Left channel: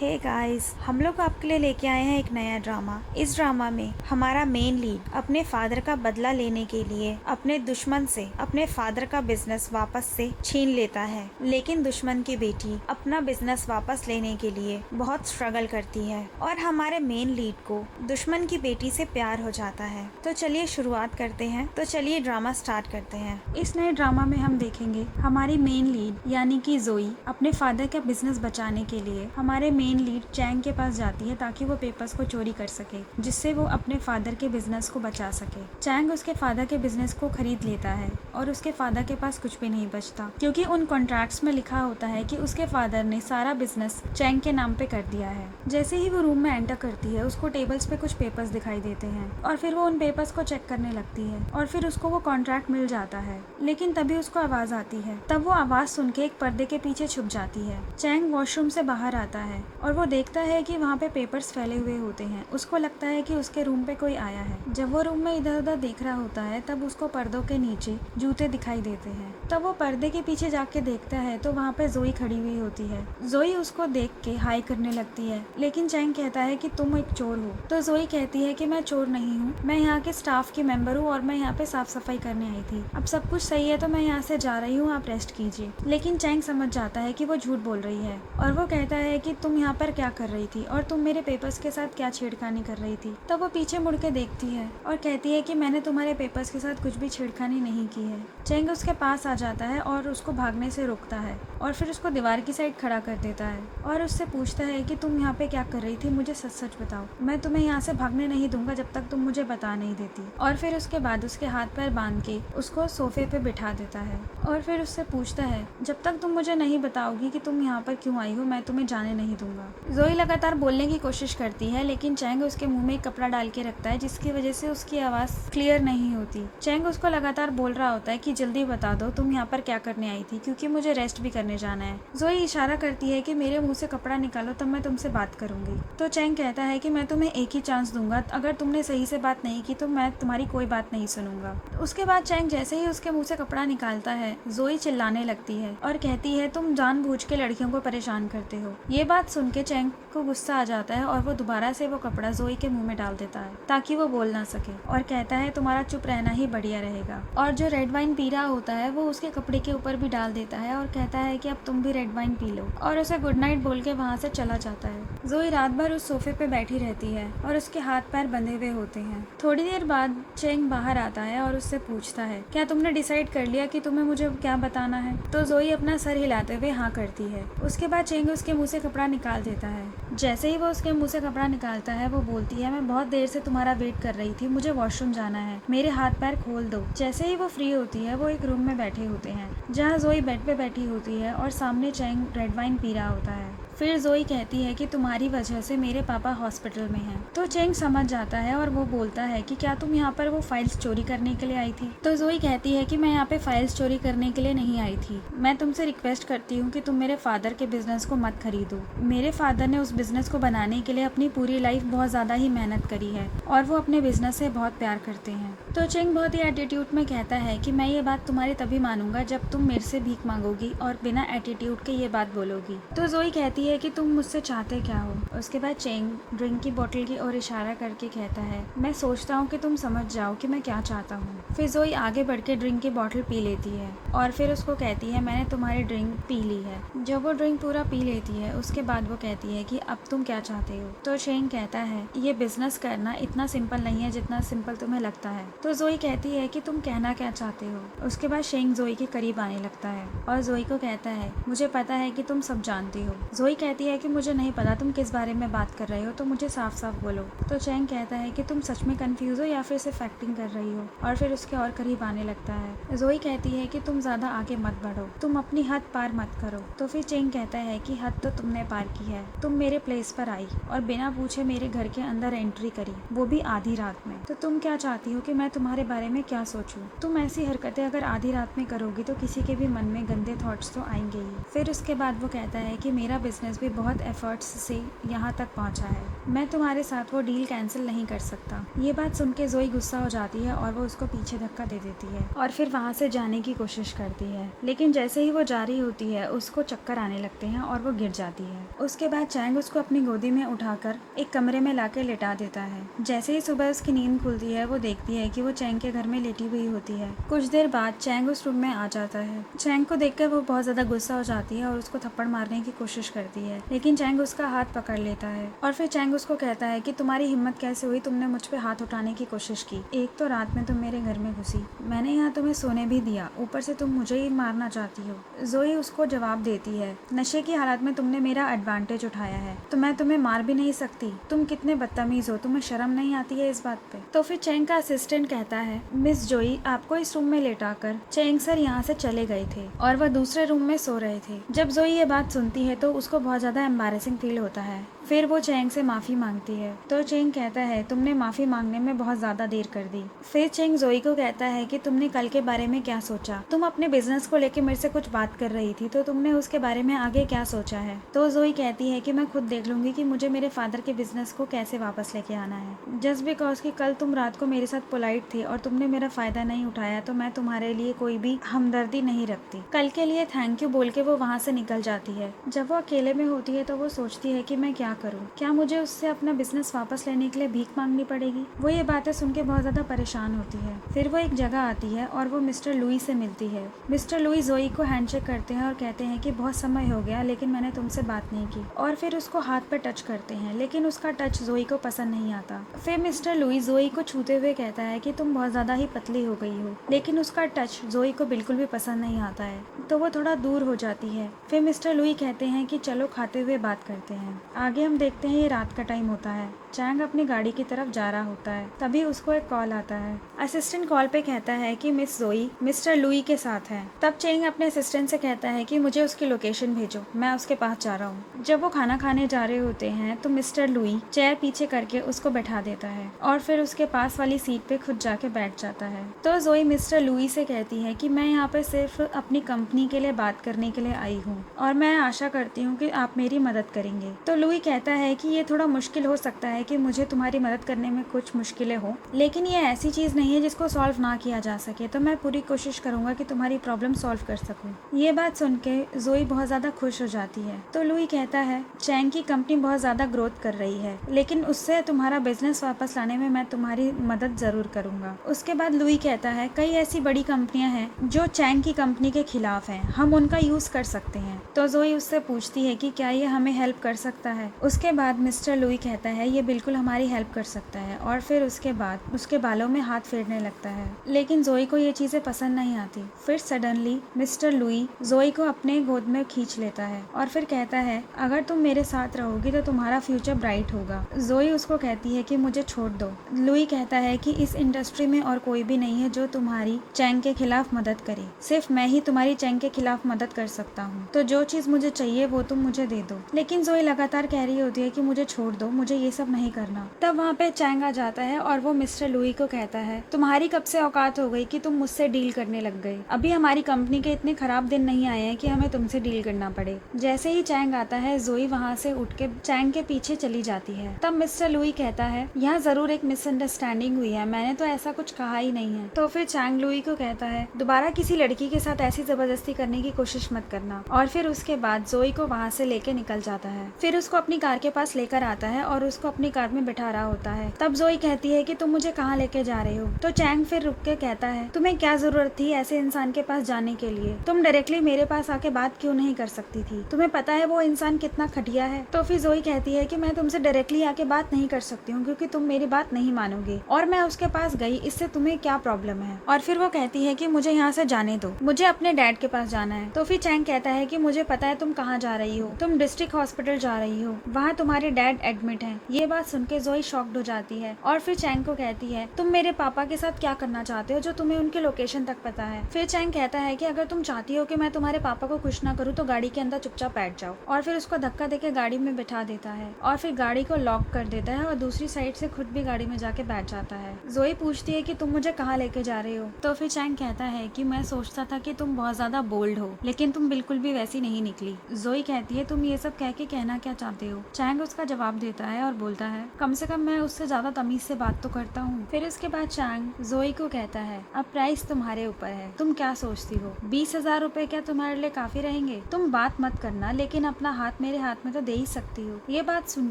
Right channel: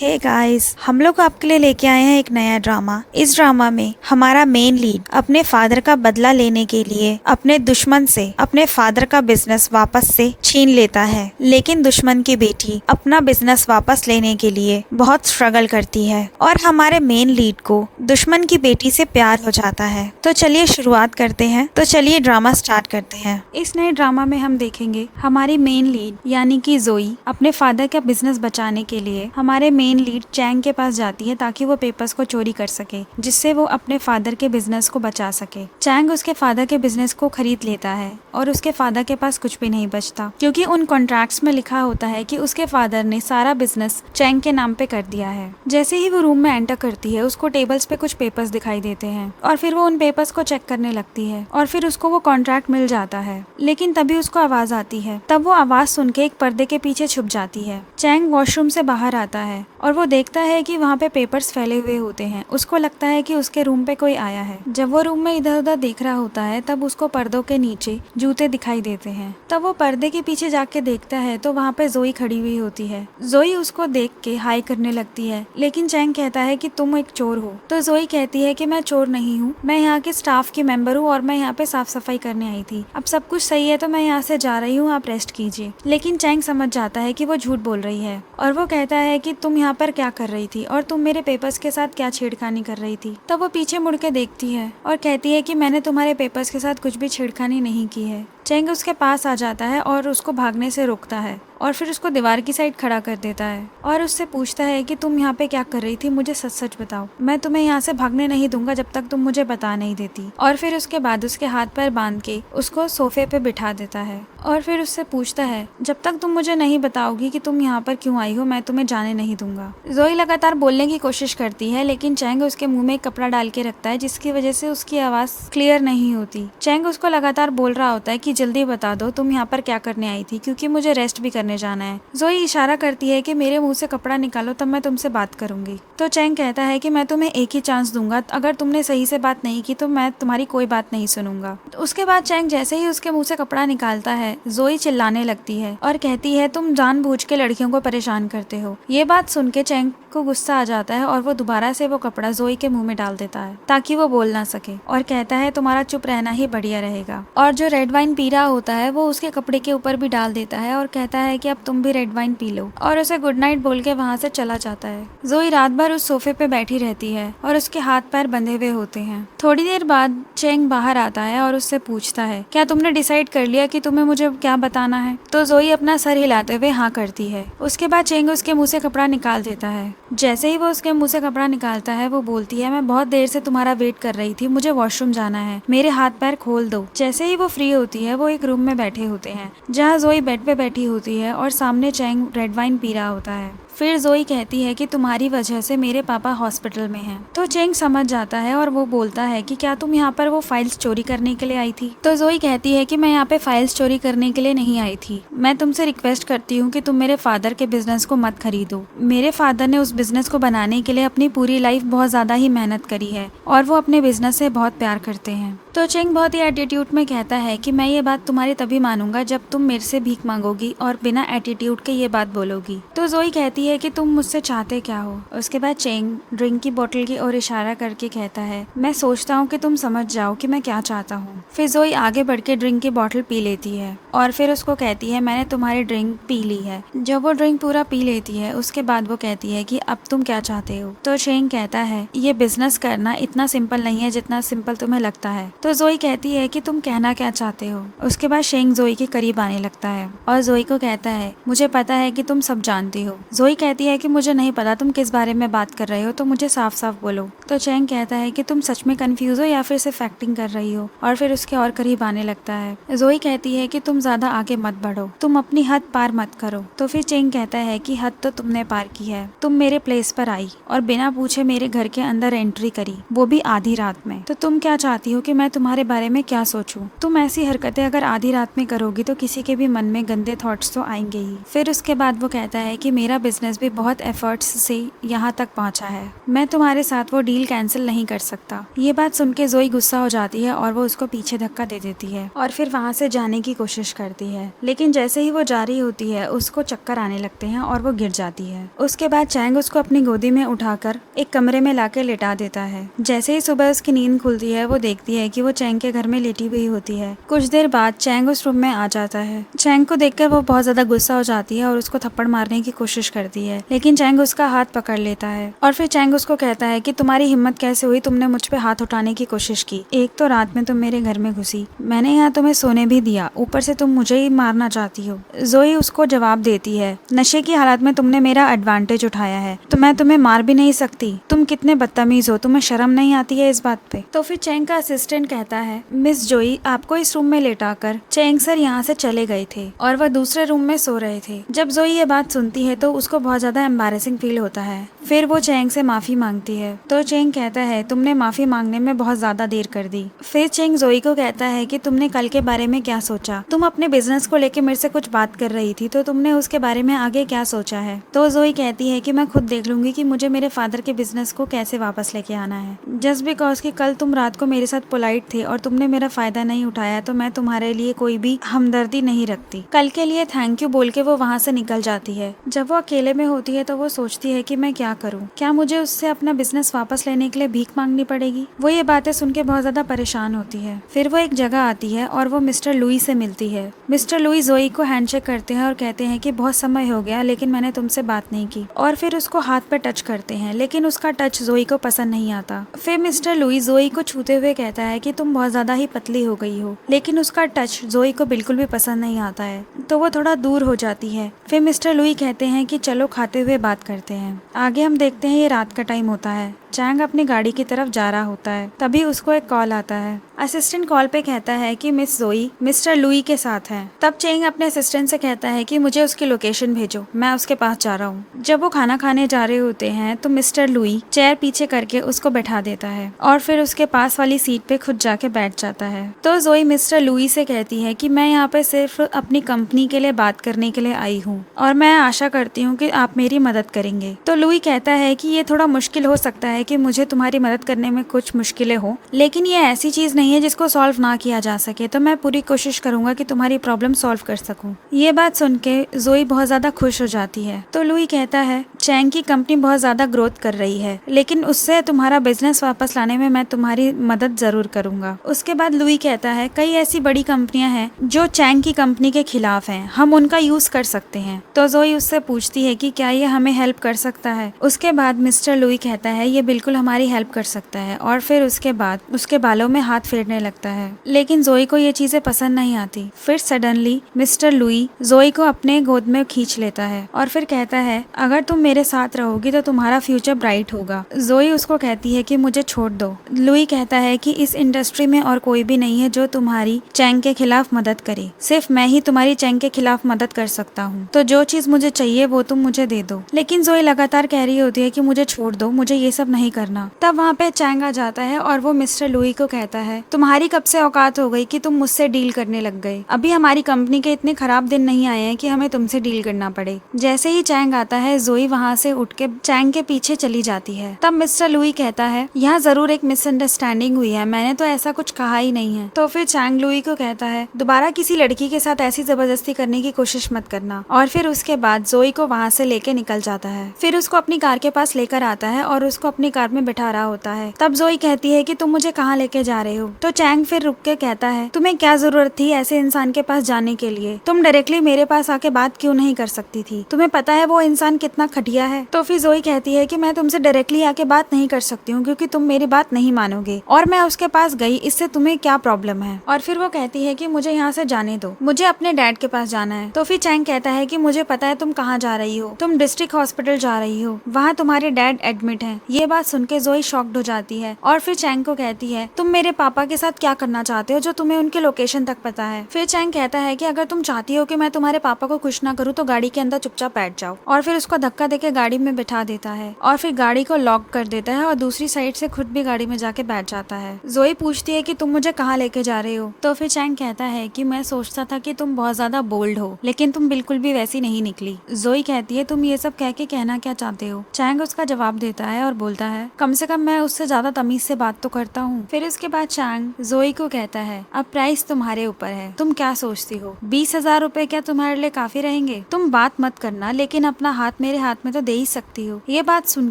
Hey guys, हम लोग आपके लिए लेके आए हैं एक नया ड्रामा। इस ड्रामा में हमारा मेन लीड अपने फादर का बदला लेने के लिए अपने दुश्मन से अपने फादर का बिजनेस वापस से छीन लेता है, लेकिन दुश्मन की बेटी अपना बिजनेस वापस लेने के लिए बहुत स्ट्रगल करती है और हमारे मेन लीड को दुश्मन की बेटी से प्यार हो जाता है। तो चलिए शुरुआत करते हैं। तो चलिए ड्रामा स्टार्ट करते हैं। इस नए ड्रामा में हम देखेंगे हमारी मेन लीड यानी कि जोई अपने फादर का बिजनेस बचाने के लिए हमारे मेन लीड चैंग के पास जाती है ताकि वो पेपर्स को चोरी कर सके, जिससे वो अपने फादर के बिजनेस को बचा सके। चैंग उसके फादर के बिजनेस को खरीद लेता है और उसके फादर के पास कुछ भी नहीं बचता, क्योंकि उन कॉन्ट्रैक्ट्स में लिखा होता है कि उसके फादर ने सारा बिजनेस चैंग के नाम पे कर दिया है। जैसे ही वो रूम में एंटर करती है, उसको टेबल्स पे कुछ पेपर्स दिखाई देते हैं और फिर वो उन पेपर्स को चेक करने लगती है और फिर उसको वो कॉन्ट्रैक्ट मिल जाता है। लेकिन तभी उसको आवाज आती है। तब वो आवाज सुन के एक पर्दे के पीछे छुप जाती है। चैंग वॉशरूम से बाहर आता है और वो देखता है कि वहाँ पे पेपर्स फैले हुए होते हैं। उसको लगता है कि उसके रूम पे कोई आया है। जब वो रूम में इधर उधर देख रहा होता है, तब उसको पर्दों के नीचे जूते दिखाई देते हैं। तब वो पर्दे के पीछे जाके देखता है तो वहाँ पे जोई खड़ी हुई होती है। जोई उसको देख के हाई करने लगती है, लेकिन चैंग कहता है कि तुम एक चोर हो। तो जोई कहती है कि मैं चोर नहीं हूँ, मैं यहाँ के स्टाफ की मेंबर हूँ और मैं यहाँ पे साफ सफाई करने आई थी। अब सब कुछ सही है तो मैं यहाँ से जा रही हूँ, आप रेस्ट कीजिए। लेकिन चैंग समझ जाता है कि वो झूठ बोल रही है और वो कहता है कि तुम यहाँ पर क्या कर रही थी और तुम मेरे पेपर्स के साथ क्या छेड़खानी कर रही थी। तब वो पीछे मुड़ के देखती है और कहती है कि मैंने तुम्हारे पेपर्स के साथ कुछ भी छेड़खानी नहीं की है। चैंग उसके पास आ जाता है और उसको भागने से रोकता है और फिर उसको दीवार की साइड खड़ा कर देता है और उससे पूछता है कि तुम यहाँ पे क्या कर रही थी, मुझे सच सच बताओ। मैं तुम्हें यहाँ से भागने नहीं दूंगा जब तक तुम मुझे बता नहीं देती। और फिर उसके बाद उसके हाथ पैर बांध के उसको सोफे पे बिठा देता है और फिर उससे पूछता है, जब तक तुम मुझे नहीं बताओगी कि तुम यहाँ पर क्यों आई हो, मैं तुम्हें जाने नहीं दूंगा। जोई लगातार बोलने की कोशिश करती है, लेकिन चैंग उसके मुंह में एक कपड़ा डाल के रखता है, जिसकी वजह से उसकी आवाज क्लियर नहीं होती। चैंग उसको लगातार बोल रहा होता है कि जल्दी बता दो तुम यहाँ पर क्या करने आई थी, क्योंकि मुझे रेस्ट भी करने जाना है। जोई इशारा करती है कि मेरे मुंह से कपड़ा निकालो तब मैं तुमसे बात करूंगी। तो चैंग कहता है कि मैं तुम्हें एक ही चांस दूंगा, अगर तुमने सही से बात नहीं की तो मैं तुम्हारी कोई बात नहीं सुनूंगा। उसके बाद चैंग जैसे ही उसके मुंह से कपड़ा निकालता है, जोई चिल्लाने लगती है और कहती है तुम जानबूझ के लड़कियों को परेशान करते हो। ये बात सुन के चैंग को गुस्सा आ जाता है और वो दोबारा से वो कपड़ा जोई के मुंह में डाल देता है ताकि वो बोल ना सके और कहता है तुम्हारा चुप रहना ही बढ़िया रहेगा। और जो रेड वाइन पी रहा होता है वो उसके कपड़े के ऊपर भी डाल देता है और कहता है कि अब तुम भी रेड वाइन पी लो और उसे गुड नाइट बोल के वहाँ से चला जाता है। जोई रात भर उस सोफे पे बैठी रहती है और उसके हाथ पैर बंधे हुए होते हैं। थोड़ी देर बाद चैंग बाहर आता है और उससे पूछता है, क्या तुमने डिसाइड कर लिया कि तुम्हें मुझे क्या बताना है? तो जोई अपना सर हिलाते हुए हाँ करती है। उसके बाद चैंग उसके मुंह से कपड़ा निकाल देता है। जैसे ही वो उसके मुंह से कपड़ा निकालता है, वो बोलती है मैं बहुत देर से तुम्हारा वेट कर रही थी, मुझे वॉशरूम जाना है, मेरे हाथ पैर खोल दो। जैसे ही वो फ्री होती है, वो एक रूम में बैठे होते हैं जहाँ जोई बेड पे बैठी होती है और सामने चैंग रेड वाइन पी रहा होता है। फिर जोई कहती है कि तुम्हारी वजह से मेरे पापा हॉस्पिटल में हैं। तो चैंग समझ जाता है और वो बोलता है कि क्या तुम यहाँ पर वो फाइल्स चोरी करने के लिए आई थी? तो जोई कहती है कि मैं यहाँ पे फाइल्स चोरी करने के लिए नहीं आई थी, मैं तुमसे रिक्वेस्ट करती हूँ कि तुम मेरे फादर के बिजनेस को मत खरीदो। मेरे फादर ने उस बिजनेस को बनाने के लिए अपनी पूरी लाइफ बहुत ज्यादा ही मेहनत करी है और वो अपने बिजनेस से बहुत प्यार करते हैं। तो चैंग बहुत ही एटीट्यूड में कहता है कि मैं ये बात तुम्हारी तभी मानूंगा जब तुम मेरे से भीख मांगोगी और बिना एटीट्यूड के ये बात बोलोगी। तो जोई कहती है कि तुम मुझसे चाहते क्या हो? उसके बाद चैंग ड्रिंक की बोतल की ओर इशारा करके कहता है, मैं सोचता हूँ कि तुम समझ जाओ कि मैं क्या चाहता हूँ। फिर जोई आगे बढ़ के ड्रिंक की बोतल पी लेती है और फिर उसको कहती है मैंने तुम्हारी ड्रिंक पी ली है। जब वो ड्रिंक पूरा पी लेती है, उसके बाद वो कहती है कि अब तुम क्या चाहते हो? तो चैंग कहता है ये बिजनेस करना इतना सिंपल नहीं है जितना सिंपल तुम्हें लगता है। तो जोई कहती है कि तुम कहना क्या चाहते हो? उसके बाद चैंग जोई के करीब आने लगता है और जोई को कहता है मुझे पता है कि तुम सब जानती हो। जोई कहती है कि मुझे नहीं पता तुम किस बारे में बात कर रहे हो, तो मुझे साफ साफ बोलो। तो चैंग कहता है कि तुम सच में कंफ्यूज हो या फिर सिर्फ एक्टिंग कर रही हो, और फिर उसके और करीब आने लगता है। जोई कहती है कि तुम ज्यादा आगे मत बढ़ो, तुम अपनी हद पार मत करो। तो फिर चैंग कहता है कि हद तो तुमने पार की है, तुम मेरे प्लेस पर आई और बिना पूछे मेरे घर के अंदर एंट्री करी, वो भी आधी रात में। तो तुम क्या चाहती हो कि मैं तुम्हारे बारे में क्या सोचूं? तुम ऐसी हरकतें अगर आधी रात में करोगी तो किसी के भी मन में गंदे थॉट्स तो आएंगे ही। फिर उसके बाद वो कहता है कि मेरा बिजनेस भी बहुत एफर्ट्स से यहाँ तक पहुँचा है, मैं तुम्हारे साथ वो डील कैंसिल नहीं कर सकता। ये बात सुन के जोई गुस्सा हो जाती है और वो उसको पीछे धक्का दे देती है और फिर वहाँ से जाने की कोशिश करती है। लेकिन जैसे ही वो जा रही होती है उसको चक्कर आने लगते हैं और वो गिर जाती है। उसके बाद चैंग उसको अपनी गोदी में उठाकर एक कमरे में लाकर लेटा देता है। जैसे ही सुबह उसकी नींद खुलती है वो देखती है कि वो चैंग के घर में लेटी हुई होती है। कुछ देर बाद चैंग उस रूम में आ जाता है। चैंग को देखकर वो बहुत ज्यादा गुस्सा हो जाती है और उसको थप्पड़ मारने की कोशिश करती है, लेकिन चैंग उसका हाथ पकड़ लेता है और फिर चैंग उसको कहता है कि तुम्हारी हिम्मत कैसे हुई, तुमने मुझ पे हाथ उठाने की कोशिश की। एक तो रात में तुम मेरे घर में घुसी, मैंने यहाँ तुम्हें सोने भी दिया, ऊपर से तुम मुझे ही मारना चाहती हो। जोई उसको जवाब देती है, नशे की हालत में तुमने मेरा एडवांटेज उठाया है तो मैं तुम्हें मार भी नहीं सकती। तुम कितने बदतमीज हो, तुम्हें शर्म नहीं आती है इस बात पे। तो फिर चैंग का असिस्टेंट कहता है, मिस जोई आपको इस रूम में लेटाकर चैंग सर यहाँ से चले गए थे और वह दूसरे रूम में सो रहे थे। जब जोई ये बात सुनती है तो उसको बहुत ज्यादा एम्बैरेसिंग फील होता है। फिर वो चैंग से माफी मांगती है तो चैंग कहता है, तुमने माफी मांगने में बहुत ज्यादा देर कर दी। फिर चैंग जोई को कहता है कि तुमने कल के बारे में क्या सोचा, तुम अपने बिजनेस को लेके मेरे से कुछ बात कर रही थी तो तुमने उसके बारे में आगे क्या सोचा है। तो जोई कहती है कि मैं खुद देख लूंगी कि मुझे मेरे फादर के बिजनेस को कैसे वापस लेके आना है। जस्ट बिकॉज कि कल तुम रात को मेरे साथ पोलाइट थे और तुमने मेरा फायदा नहीं उठाया तो मैं तुम्हारे लिए कोई भी हमदर्दी नहीं रखती। कल के लिए थैंक यू बोल के वो वहाँ से निकल जाती है। जब वो अकेले में होती है तो वो सोचती है कि मैं क्या करूँ, क्या मुझे उससे अपना बिजनेस वापस लेने के लिए भीख मांगनी पड़ेगी। वो ये बातें सुन के बहुत ज्यादा परेशान होती है। फिर वो एक जगह आती है और वो मिस्टर लुई से मिलती है। मिस्टर लुई जोई को हैंडशेक करते हैं और कहते हैं कि बहुत समय हो गया लेकिन मैंने तुमसे बात नहीं की, और फिर उसको हाथ पे टच करते हैं, लेकिन उसका टच जोई को पसंद नहीं आता। फिर मिस्टर लुई जोई को छूते हुए कहता है कि तुम बहुत ज्यादा ही पतली हो गई हो, लेकिन उसका टच जोई को बिल्कुल भी पसंद नहीं आता है तो वो थोड़ा दूर हो जाती है। फिर मिस्टर लुई कहते हैं कि चलो खाते हुए बात करते हैं। आगे हम देखते हैं ये रात का टाइम होता है। चैंग अपनी गाड़ी की तरफ जा रहा होता है, तभी उसको एक कॉल आता है। असिस्टेंट कॉल पे कहता है कि मिस जोई मिस्टर लुई के साथ है। तब चैंग अपने असिस्टेंट से कहता है कि मुझे उसकी लोकेशन भेजो, मैं उसके पास जा रहा हूँ। जब वो खाना खाने जा रहे होते हैं तो मिस्टर लुई चेयर पीछे करके उसको बैठा देता है और फिर उसके पास वाली सीट पे खुद जाके बैठ जाता है। तो जोई मिस्टर लुई से कहती है कि मैं यहाँ पे सिर्फ अपनी कंपनी के लिए बात करने के लिए आई हूँ और मैं आशा करती हूँ कि आप मेरी मदद करेंगे। तो लुई कहता है कि ये थोड़ा मुश्किल हो सकता है कि मुझे तुम्हारी मदद करने में कुछ मुश्किलें हो, लेकिन ये ऐसी चीज नहीं है जिसको सॉल्व ना किया जा सके, तो मैं पूरी कोशिश करूंगा कि तुम्हारी प्रॉब्लम सॉल्व कर सकूं। ये बात सुन के जोई बहुत ज्यादा खुश हो जाती है। तो लुई कहता है, चैंग की कंपनी बहुत ज्यादा ग्रोथ कर रही है, लेकिन उससे तुम्हारा बिजनेस वापस लाने में मैं तुम्हारी मदद जरूर करूंगा। उसके बाद लुई कहता है, कई ऐसी बड़ी कंपनियां हैं जो चैंग की कंपनी के खिलाफ हैं, हम उनका यूज कर सकते हैं। तो जोई उससे पूछती है कि क्या ये हमें हेल्प कर सकता है। उसके बाद मिस्टर लुई कहता है, ये बिल्कुल हमारी हेल्प कर सकता है, और फिर उसके बाद उसके बालों में हाथ फेरने लगता है। लेकिन जोई को ये चीजें पसंद नहीं आती। फिर सडनली मिस्टर लुई जोई को अपने गोद में खींच लेता है और फिर कहता है, अगर तुम मेरे साथ रहोगी तो तुम्हारा फ्यूचर ब्राइट होगा। जोई उसको कहती है कि मुझे छोड़ दो। लुई कहता है कि इस इंडस्ट्री में और कोई भी नहीं है जो तुम्हारी चैंग के खिलाफ मदद करे, सिर्फ मैं ही तुम्हारी चैंग के खिलाफ मदद कर सकता हूँ, तो जो चीज मुझे चाहिए वो तुम मुझे दे दो। लेकिन जोई लगातार कह रही होती है कि मुझे छोड़ दो, मुझे ये सब नहीं करना। तब वहाँ पे चैंग आ जाता है और वो मिस्टर लुई को कहता है, तुम्हारी कब से औकात हो गई कि तुम मुझसे डील करने लग गए। अभी हमारी कंपनी के इतने खराब दिन नहीं आए हैं कि हमें तुमसे डील करना पड़े। जैसे ही चैंग आता है जोई वहाँ से उठ के चैंग के पीछे चली जाती है। तब मिस्टर लुई कहता है, यहाँ जरूर एक मिसअंडरस्टैंडिंग हुई है, मैंने तो ऐसा कुछ कहा ही नहीं है। तो फिर चैंग लुई को कहता है, दोबारा किसी लड़की के साथ ऐसी जबरदस्ती करने की कोशिश मत करना। और फिर उसके बाद जोई को वहाँ से लेके निकल जाता है। फिर उसको अपनी कार के पास लेकर आता है और उसको अपनी कार में बैठा रहा होता है। तब जोई कहती है कि तुम मुझे कहाँ लेके जा रहे हो। तो चैंग फिर रुक के कहता है, तुम्हें क्या जरूरत थी ऐसे इंसान के पास जाने के लिए, तुम डायरेक्टली मेरे पास आके बात क्यों नहीं कर सकती थी, तुम्हें पता है वो इंसान कितना घटिया है। तो फिर जोई कहती है कि मैं तुमसे डायरेक्टली आके बात नहीं कर सकती हूँ क्योंकि तुम मेरी बात नहीं मानोगे, और मैं उसके पास गई, इससे तुम्हें क्या प्रॉब्लम है। और फिर वो कहती है कि मुझे यहाँ से जाने दो, मुझे अपने डैड के पास जाना है। तो फिर चैंग कहता है कि मुझे पता है तुम कहाँ जा रही हो, तुम डिस्ट्रिक्ट हॉस्पिटल जा रही हो, वहाँ तुम्हारे डैड एडमिट है। ये बात बात सुन के जोई शॉक्ड हो जाती है और फिर चैंग को कहती है तुम मेरे पापा के साथ क्या करना चाहते हो जो तुम्हें उनके लोकेशन तक पता है। फिर चैंग कहता है कि अगर तुम चाहती हो कि मैं तुम्हारे पापा को खुश ना करूँ तो गाड़ी के अंदर चुपचाप बैठ जाओ, और फिर उसको धक्का देके गाड़ी में बिठा देता है और फिर गाड़ी को लॉक कर देता है और दूसरी साइड से खुद भी गाड़ी में जाके बैठ जाता है। जोई पूछती है कि तुम मुझे कहाँ लेके जा रहे हो, तो फिर चैंग कहता है कि मैं सोचता था कि तुम बहुत ज्यादा बोल्ड हो लेकिन तुम बिल्कुल भी वैसी नहीं निकली। जोई कहती है तुम ये सब कह के कहना क्या चाहते हो। चैंग उसका जवाब देता है और बोलता है कम से कम मैं उससे ज्यादा तमीज से बात तो करता हूँ। फिर उसके बाद चैंग जोई को कहता है अब प्राइस तुम्हारे ऊपर है, तुम क्या सोचती हो, 20,000 रुपए क्या तुम्हारे लिए काफी रहेंगे। तुम बात मत करना लेकिन अपना हाथ मेरे हाथ में तो दे ही सकती हो। ये बात सुन